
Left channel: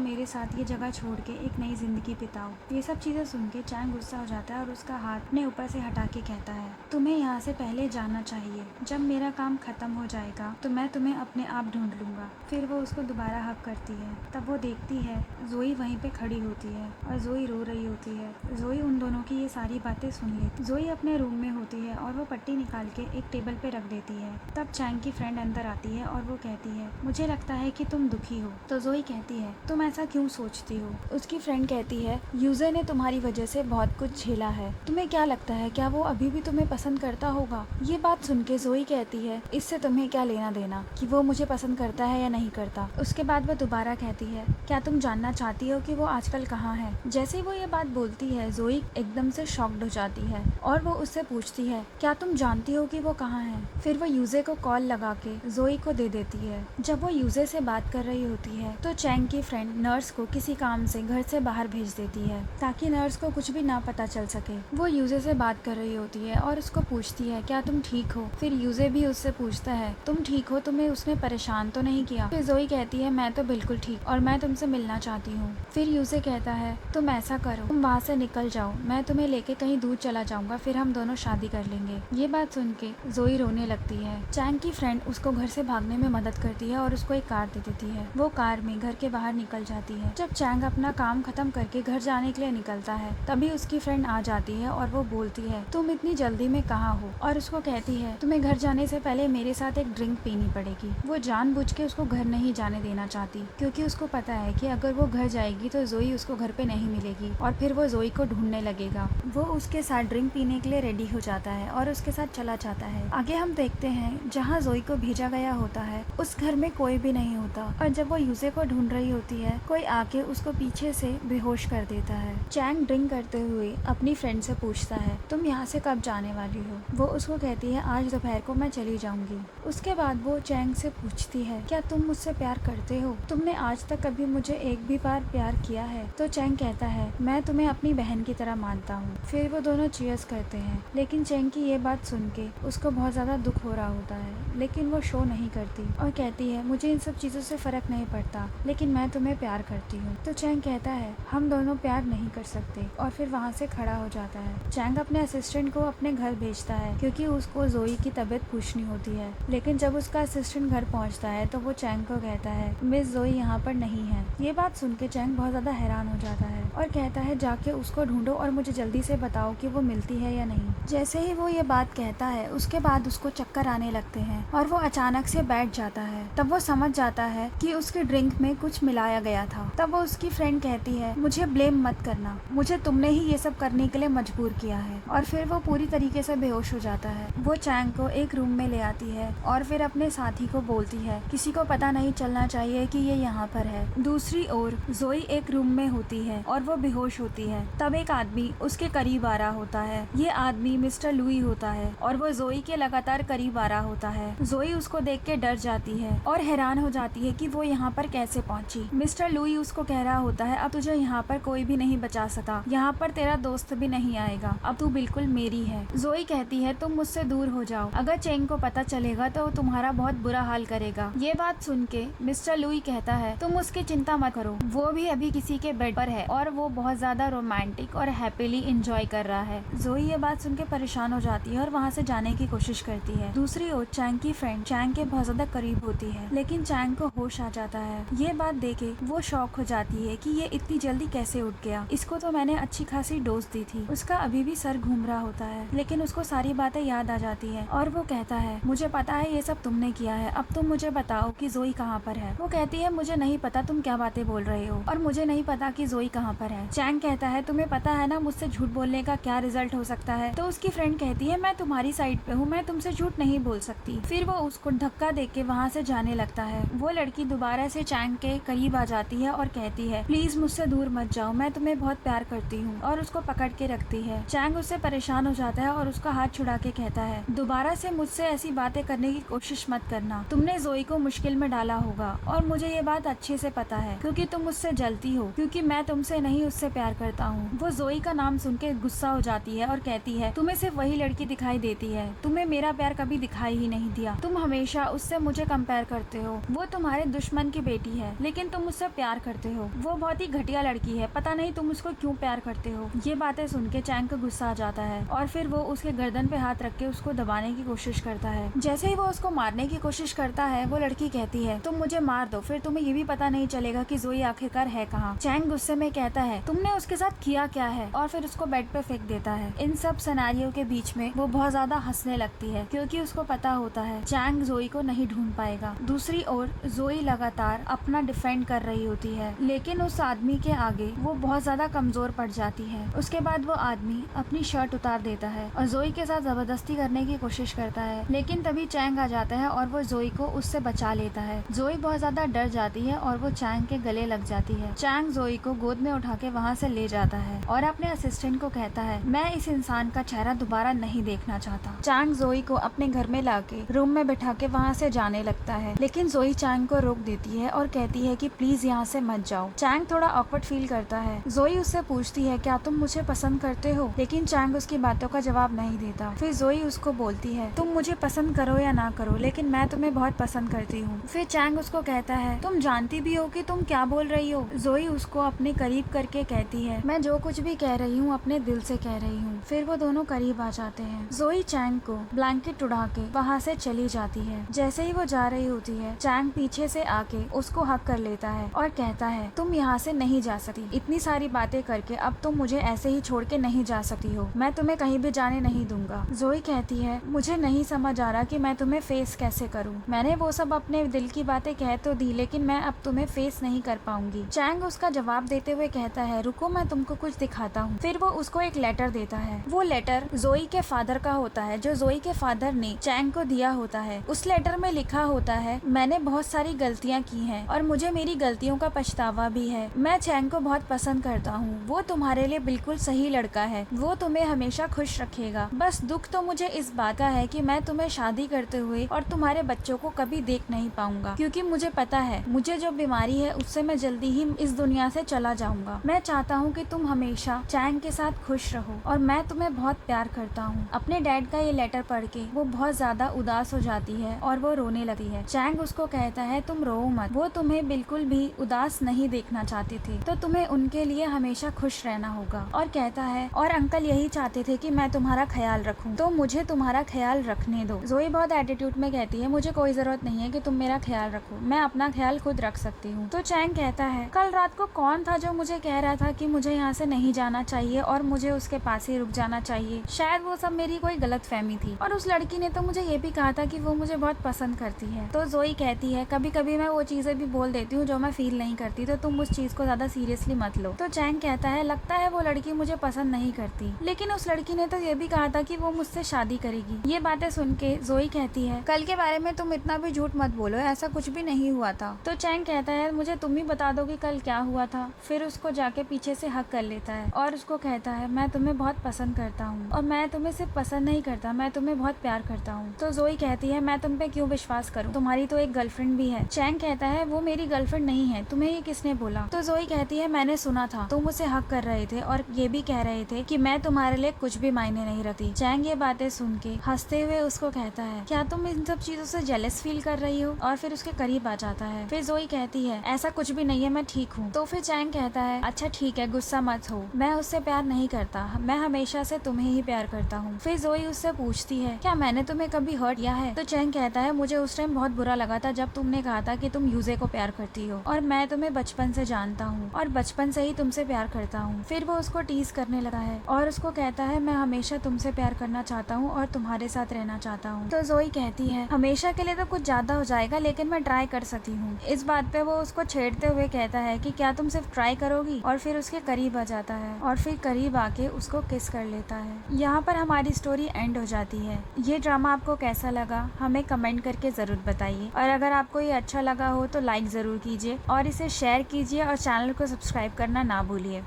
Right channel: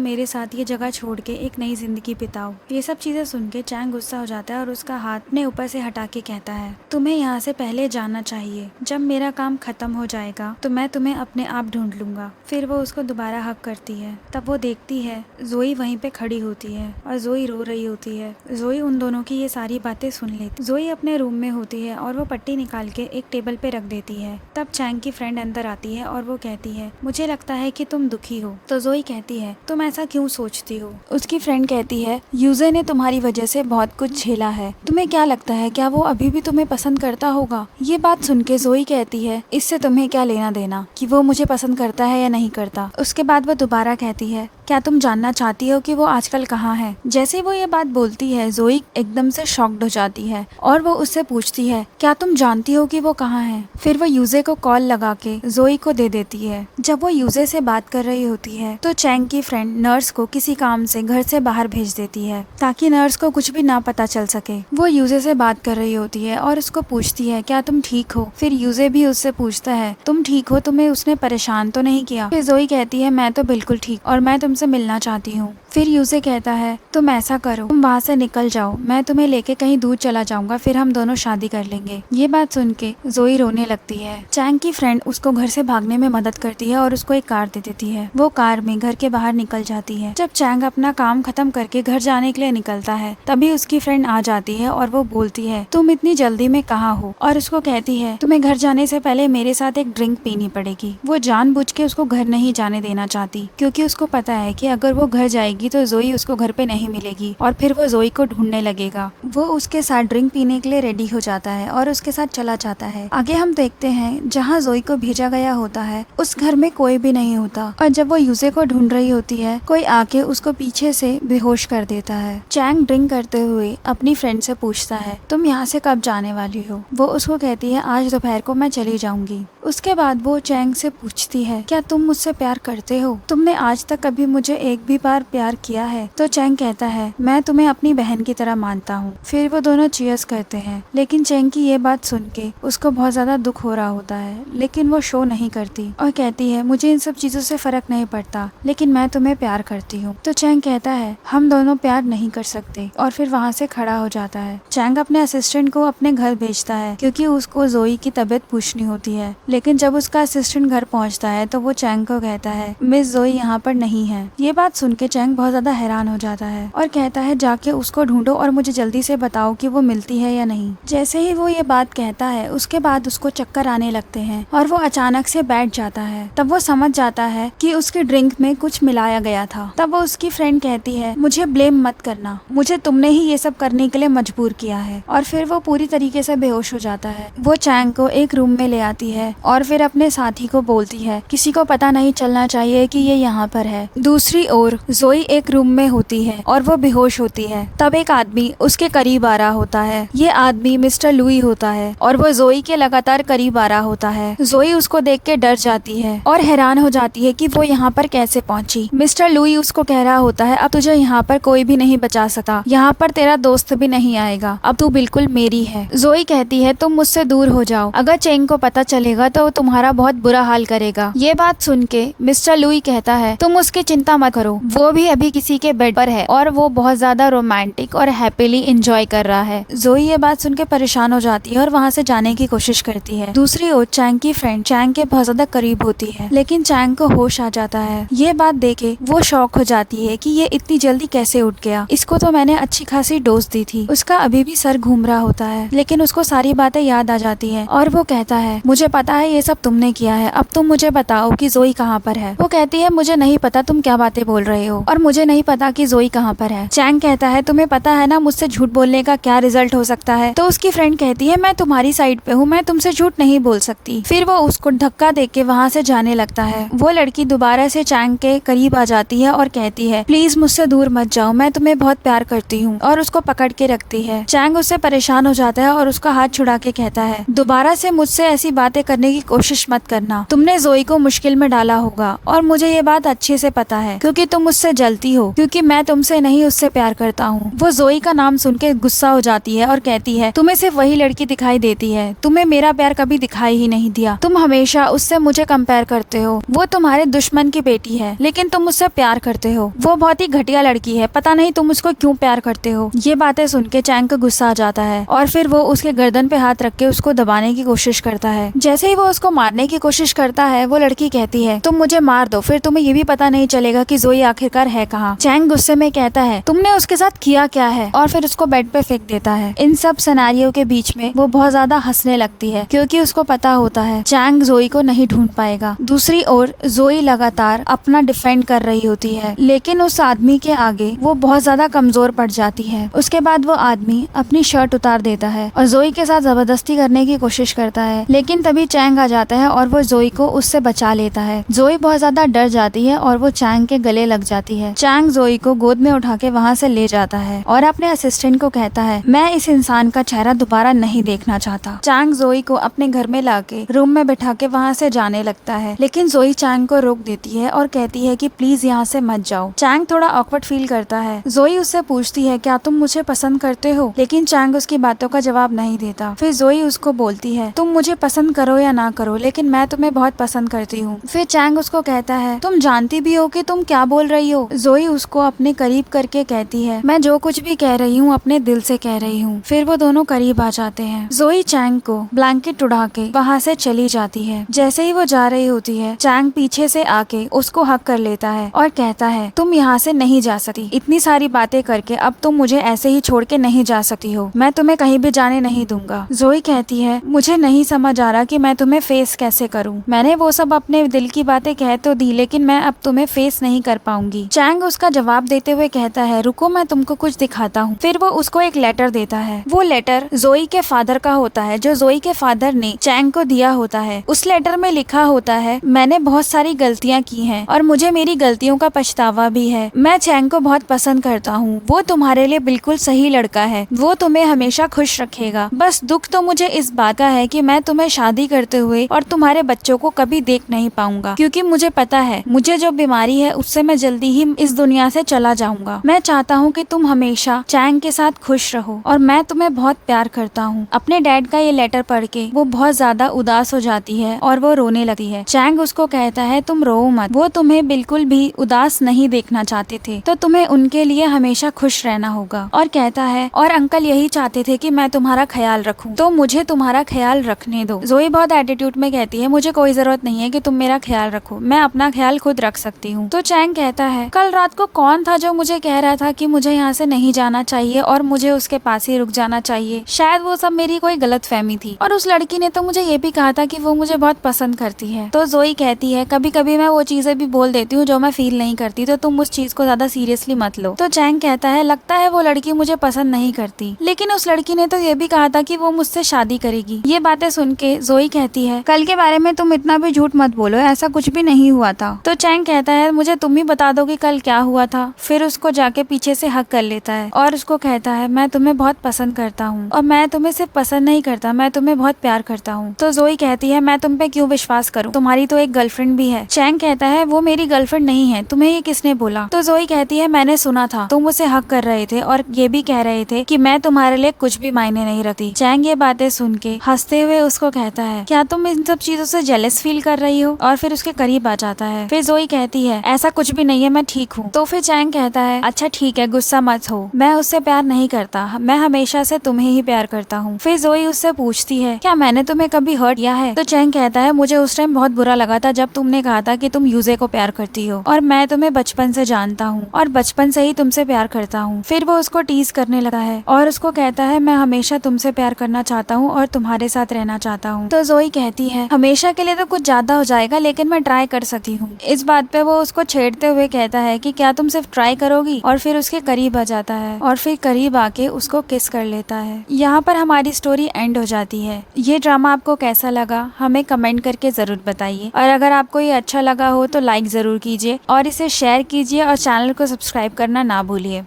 मेरे साथ ये जगह छोड़ के एक नई जिंदगी बिताओ। ये सब चीजें सुन के चैंग गुस्सा हो जाता है और उसका हाथ अपने ऊपर से हटा के कहता है, तुम्हें यहाँ से पहले जाना चाहिए, जब मेरा काम खत्म हो जाएगा तो मैं तुम्हें अपने आप ढूंढ लूंगा। फिर वो उसको दोबारा हक करती है। तब वो देखती है जोई वहीं पे खड़ी होती है और जोई रो रही होती है। जोई उन दोनों की ये सारी बातें सुन लेती। जोई अपने रूम में होती है और वो पट्टी निकाल के एक टेबल पे रख देती है। तब चैंग की फ्रेंड अंदर आती है और वो कहती है, मुझे लगता है कि तुम दुखी हो। तो जोई कहती है, तुम ऐसा क्यों सोचती हो? उसकी फ्रेंड कहती है, यूजर ने तुम्हारी वजह से बहुत कुछ झेला है, तुम्हें क्या लगता है क्या वो अभी भी तुम्हें पसंद करता होगा? ये बात सुन के जोई कहती है, इससे तुम्हें क्या लेना देना कि वो मुझे पसंद करता है या नहीं करता। उसके बाद वो दोबारा कहती है, क्या तुम जानना चाहती हो कि वो आजकल कहाँ है? जैसे ही वो ये बात बोलती है जोई एकदम से शॉक्ड हो जाती है और वो उससे पूछती है, क्या तुम जानती हो कि वो कहाँ है? फिर वो यूजे को कॉल लगा के जोई को दे देती है। जब वो यूजे से बात कर रही होती है तो चैंग की फ्रेंड नर्स को किसी काम से घर से बाहर भेज देती है ताकि नर्स को कुछ भी ना पता चल सके। वो यूजे से बात कर रही होती है और उसको पूछती है, क्या तुम ठीक हो? फिर यूजे भी उससे पूछता है, तुम ठीक हो, तुम्हें उसने परेशान तो नहीं किया? फिर जोई कहती है, मैं तो बिल्कुल ठीक और मैं तुमसे मिलना चाहती हूँ। फिर यूजे कहता है, तुम ऐसा करो, तुम वहाँ से निकल जाओ, मैं तुम्हें लेके कहीं दूर चला जाऊंगा, फिर हम दोनों शादी कर लेंगे। ये बात सुन के जोई रोने लगती है। चैंग की फ्रेंड उसको घर से भागने में मदद करती है और उसको एक कार दे देती है। वो कार में घर के बाहर निकल जाती है। जब चैंग अपना काम खत्म करके घर जाने के लिए निकलता है तभी उसकी फ्रेंड आ जाती है और वो बोलती है, तुम इतनी जल्दी में कहाँ हो? और उसको कहती है, तुम्हें घर जाने से पहले मेरे साथ एक ड्रिंक पीनी पड़ेगी। वो जानबूझ के उसको घर नहीं जाने देना चाहती क्योंकि उसको पता है कि अगर वो घर जाएगी तो जोई उसको घर पे नहीं मिलेगी और फिर वो जोई को ढूंढने लगेगा। वो उसके साथ ड्रिंक पीने के लिए रेडी हो जाता है और उसके साथ चला जाता है। आगे हम देखते हैं जहाँ जोई को भेजा गया होता है उस घर में कोई भी नहीं होता और जब वो यूजे को ढूंढ रही होती है कोई आके उसको पीछे से बेहोश कर देता है। चैंग ड्रिंक करते हुए अपनी फ्रेंड से पूछता है, तुम यहाँ से कब जाने वाली हो? वो उसको कहती है, आज दोपहर को मैं चली जाऊंगी। उसके बाद वो चैंग से पूछती है, क्या तुम मुझसे प्यार करते हो? तुमने आज तक कभी मुझे एक भी बार प्यार किया है? तो चैंग कहता है, मैं तुम्हें अपनी बहन की तरह मानता हूँ। फिर वो दोनों चीयर्स करते हैं। लेकिन चैंग की ये बात सुन के उसको बहुत ज्यादा दुख हो रहा होता है, लेकिन वो शो नहीं करती और कहती है, मुझे इन सब चीजों से फर्क नहीं पड़ता, लेकिन मैं तुम्हें प्यार करती हूँ। तो चैंग कहता है, हम दोनों प्यार नहीं कर सकते और फिर वहाँ से खड़ा हो जाता है। चैंग अपने असिस्टेंट को अपने घर भेजता है क्योंकि उसको जोई की तबीयत पूछनी होती है। लेकिन जब उसका असिस्टेंट घर पहुँचता है तो वो चैंग को कहता है, मिस जोई यहाँ पर नहीं है। ये बात सुन के चैंग बहुत ज्यादा हैरान हो जाता है और कहता है, जाके उसको ढूंढो और मुझे जल्दी से बताओ कि वो मिलती है या नहीं। जैसे ही वो ये बात कहता है उसके बाद उसको चक्कर आने लगते हैं और वो अचानक से बैठ जाता है। तब वो समझ जाता है कि उसके ड्रिंक में कुछ मिलाया गया था। तब वो उसकी फ्रेंड कहती है, मुझे ब्लेम मत करना, मुझे तुमने ही ये सब करने के लिए मजबूर किया है। और फिर वो पूरी तरीके से बेहोश हो जाता है। वो चैंग को एक रूम में ले आती है और फिर अपने साथी को बोलती है किसी को पता नहीं चलना चाहिए कि ये यहाँ पर है। दूसरी ओर जोई एक रूम में होती है और वो बेहोश होती है। तब एक आदमी उसके करीब आ रहा होता है। ये आदमी मिस्टर लुई होता है और वो जोई के लगातार करीब आ रहा होता है। जोई उसको देख के डर जाती है और हैरान हो जाती है कि वो यहाँ पर कैसे पहुंची। मिस्टर लुई उसको कह रहा होता है अब तुझे यहाँ पर कोई भी नहीं बचा सकता, यहाँ पर तेरा दोस्त भी नहीं आएगा, अब तू बिल्कुल मेरी है। जोई कहती है तुम मुझसे दूर हो जाओ, अगर चेंग को पता चलेगा तो वो तुम्हारा बहुत बुरा हाल करेगा। ये बात सुन के मिस्टर लुई कहता है तुम उसकी चिंता मत करो, वो भी अभी किसी के बेड पर है और वो बहुत ज्यादा रोमांटिक और हैप्पीली एंजॉय कर रहा है। जोई ये बात सुन के परेशान हो जाती है और वहाँ से जाने की कोशिश करती है। दूसरी ओर चैंग की फ्रेंड चैंग के बहुत ज्यादा करीब होती है, लेकिन चैंग को होश आ जाता है। ये बात देखे वो शॉक हो जाती है कि ये इतनी जल्दी कैसे उठ गया, इसको तो मैंने अच्छी खासी डोज दी थी। उसका अभी भी सर घूम रहा होता है, लेकिन उसको सारी बातें याद आ जाती है और वो कहता है मुझे पता है ये सब तुमने किया है, अब तुम मुझे बताओ कि जोई कहाँ पर है। वो कहती है मुझे नहीं पता तुम क्या बातें बोल रहे हो और मुझे नहीं पता कि जोई कहाँ पर है। चैंग कहता है तुम्हें पता है ना मुझसे झूठ बोलने का क्या रिजल्ट हो सकता है। तो उसकी फ्रेंड कहती है मैं तुम्हारी साइड पे हूँ, मैं तुमसे झूठ नहीं बोल सकती। फिर वो उसको धक्का दे के वहाँ से जाने लगता है। वो लड़की दोबारा से चैंग के करीब आ जाती है और कहती है प्लीज मुझसे दूर मत जाओ, मैं तुम्हें बहुत प्यार करती हूँ, और उसको पकड़ के रखती है। चैंग उससे परेशान हो जाता है और उसका हाथ छुड़ा के कहता है दोबारा से मुझसे ऐसी बातें करने की कोशिश मत करना, तुमने जोई को मुश्किल में डाला होगा और मुझे ये बात अच्छे से पता है क्योंकि तुम मुझसे जलती हो, क्योंकि मैं तुमसे नहीं उससे प्यार करता हूँ। वो जोई का नाम सुन के गुस्सा हो जाती है और कहती है तुम्हें सिर्फ वही लड़की दिखाई देती है, तुम्हें मेरा प्यार कभी दिखाई ही नहीं दिया, तुम हमेशा उससे मुझे कंपेयर करते हो। वो तुम्हारे दुश्मन की बेटी है लेकिन तुम उससे प्यार करते हो, वो बहुत ही घटिया लड़की है, पता नहीं तुम उसको क्यों प्यार करते हो। ये बातें सुन के चैंग को गुस्सा आ जाता है और फिर वो उसके गर्दन पे हाथ रख के उसको दबाने की कोशिश करता है। जैसे ही वो उसको मारने की कोशिश करता है वो लड़की कहती है तुम मुझे मार दो, फिर तुम्हें ये भी पता नहीं चलेगा कि जोई आखिरकार है कहाँ। चैंग गुस्से में कहता है तुमने उसके साथ किया क्या है, और फिर उसको बेड पे फेंक देता है। इन सब सिनेरियो के बीच में वो बहुत ज्यादा हंसने लगती है क्योंकि उसको पता होता है चैंग जोई को नहीं ढूंढ पाएगा। दूसरी ओर जोई लगातार अपना डिफेंड कर रही होती है, लेकिन उस आदमी के आगे वो बहुत ज्यादा कमजोर पड़ जाती है। उसके बाद वो आदमी अपनी शर्ट उतार देता है और जोई के साथ जबरदस्ती करने की कोशिश करता है, लेकिन तभी चैंग आ जाता है और वो जोई को उससे बचा लेता है। जोई बहुत ज्यादा डर जाती है और वो चैंग के गले लग जाती है। चैंग जोई को गोद में उठा के वहाँ से ले जाता है और अपने असिस्टेंट को कहता है मैं इस इंसान का चेहरा दोबारा नहीं देखना चाहता। चैंग जोई को अपने घर में लाके रूम में बिठा के वहाँ से जाने लगता है, लेकिन जोई चैंग को रोक देती है और कहती है कि प्लीज यहाँ से मत जाओ। चैंग थोड़ा ऑकवर्ड फील करता है। जोई उससे पूछती है क्या तुम मुझे पसंद करते हो, लेकिन चैंग उसकी बातों का जवाब नहीं देता। फिर जोई उसको बोलती है तुम मुझे पसंद करो या ना करो, लेकिन मैं तुम्हें बहुत पसंद करती हूँ। फिर चैंग उसको कहता है तुम जानती भी हो कि तुम क्या बोल रही हो। जोई उसको अपने करीब करके कहती है मैं जो कुछ भी कह रही हूँ अपने दिल से कह रही हूँ। फिर वो दोनों करीब आ जाते हैं। जोई चैंग को ब्लैंकेट उड़ा के वहाँ से चली जाती है। जैसे ही वो जा रही होती है चैंग पीछे से आके उसको हक कर लेता है और कहता है तुम यहाँ से नहीं जा सकती, इतनी सारी बातें करके अब तुम मुझे ऐसे ही छोड़ के नहीं जा सकती हो, मैं तुम्हें कहीं भी जाने नहीं दूंगा। जोई कहती है मुझे नहीं समझ आ रहा कि मैं तुम्हें फेस कैसे करूँ, मैंने वो सब अपने दिल की बातें कह तो दी, लेकिन मैं अब तुम्हें फेस नहीं कर पाऊंगी। चैंग उसका जवाब देते हुए कहता है रुको मैं तुमको कुछ दिखाता हूँ। फिर वो उसको एक लेटर देता है। वो लेटर जोई के फादर का होता है, जो जोई के फादर ने चैंग को दिया होता है। उस लेटर में लिखा होता है मैंने बहुत सारी गलतियाँ की हैं और मुझे मेरी गलतियों का पछतावा भी है। मैं चैंग को बहुत पसंद करता हूँ, वो तुम्हारे लिए बिल्कुल सही लड़का है, वो तुम्हें हमेशा खुश रखेगा। बस दुख तो मुझे इस बात का है कि मैं तुम्हें शादी करते हुए और तुम्हारे बच्चों को कभी देख नहीं पाऊंगा, क्योंकि मुझे पता है मुझे जो बीमारी है उससे मैं जल्दी ही इस दुनिया से चला जाऊंगा। मैं चाहता हूँ कि तुम हमेशा चैंग के साथ खुश रहो और मैं तुम्हें बहुत प्यार करता हूँ। अपने डैड का ये लेटर पढ़ के वो बहुत ज्यादा उदास हो जाती है और वो रोने लगती है। चैंग उसको कहता है तुम रो मत, वो तुम्हें बिल्कुल भी उदास नहीं देखना चाहते थे, तो तुम्हें उनके लिए हमेशा खुश रहना होगा। और कहता है और अंकल यही चाहते थे कि मैं तुम्हारा ख्याल रखूं, तो मुझे तुम्हारा ख्याल रखने दो। जोई बहुत एटीट्यूड में कहती है मुझे कोई जरूरत नहीं है कि तुम मेरा ख्याल रखो, मैं अपना ख्याल खुद रख सकती हूँ। तो चैंग कहता है कल रात को कौन था जो मुझे कह रहा था कि मुझे यहाँ से नहीं जाना चाहिए और मुझे उसके पास ही रुक जाना चाहिए। शायद वो सब मेरी कोई गलत फहमी थी, और उस लड़की ने तो मुझे ये भी कहा था कि वो मुझे बहुत पसंद करती है। तो जोई कहती है कभी कभी मैं वो चीजें भी बोल देती हूँ जो मैं फील नहीं करती, तो तुम उस चीज को ज्यादा सीरियसली मत लो। तो चैंग कहता है लगता है वो लड़की मुझे पसंद नहीं करती, लेकिन उस लड़की ने तो ये भी कहा था कि वो मुझसे शादी करेगी। ये बातें सुन के जोई कहती कहती है कल के बारे में तुम इतना भी झूठ मत बोलो, ऐसा कुछ भी नहीं हुआ था। तो चैंग कहता है मुझे तुम ही बता दो कि कल क्या हुआ था। फिर उसको जाके पीछे से हक कर लेता है और उसको कहता है मैं तुम्हें बहुत पसंद करता हूँ और मैं तुम्हें सिर्फ पसंद नहीं करता, मैं तुम्हें बहुत प्यार करता हूँ। तो जोई कहती है मैं तुम पे क्यों विश्वास करूँ, तुम्हारी तो एक गर्लफ्रेंड भी है। चैंग कहता है वो मेरी गर्लफ्रेंड नहीं है, तुम्हें ये किसने बोला। तो जोई कहती है मैंने सुना था तुम उसे हक कर रहे थे और ये भी कह रहे थे कि मैं तुम्हारे लिए कुछ भी मायने नहीं रखती। चैंग ये बातें सुन के हंसते हुए उसको कहता है क्या तुम इन सब चीजों से जेलस फील कर रही हो, और फिर उसके करीब आ जाता है। फिर जोई कहती है ऐसा कुछ भी नहीं है, मैं ठीक हूँ। तो फिर चैंग कहता है अच्छा ठीक है, गुस्सा मत हो, मैं उससे प्यार नहीं करता, मैं हमेशा से तुम्हें ही प्यार करता हूँ। फिर जोई उससे पूछती है क्या मैंने तुम्हें कभी हर्ट किया है। तो चैंग कहता है मुझे उस टाइम बहुत बुरा लगा था जब तुमने कहा था कि तुम यूजे को प्यार करती हो, और मैं तुम्हें बचपन से जानता हूँ और बचपन से ही तुमसे प्यार करता हूँ। फिर वो उसको टीज करने लगा है और उसको कहता है मैं हमेशा तुमसे प्यार करना चाहता हूँ और तुम्हारे साथ रहना चाहता हूँ। तो जोई कहती है हमेशा के लिए तो कुछ ज्यादा हो जाएगा, लेकिन मैं ट्राई कर सकती हूँ। इस बात पे वो उसको छेड़ते हुए कहता है कि क्या तुम सिर्फ ट्राई करोगी, और फिर उसके करीब आ जाता है और फिर करीब आके उसको किस कर लेता है। यहाँ पर हमारी स्टोरी एंड हो जाती है। ये ड्रामा आपको कैसा लगा हमें कमेंट करके जरूर बताइए, और अगर आपको ये अच्छा लगा हो तो लाइक जरूर कीजिए और इसे शेयर कीजिए और चैनल को सब्सक्राइब करना ना भूलिए।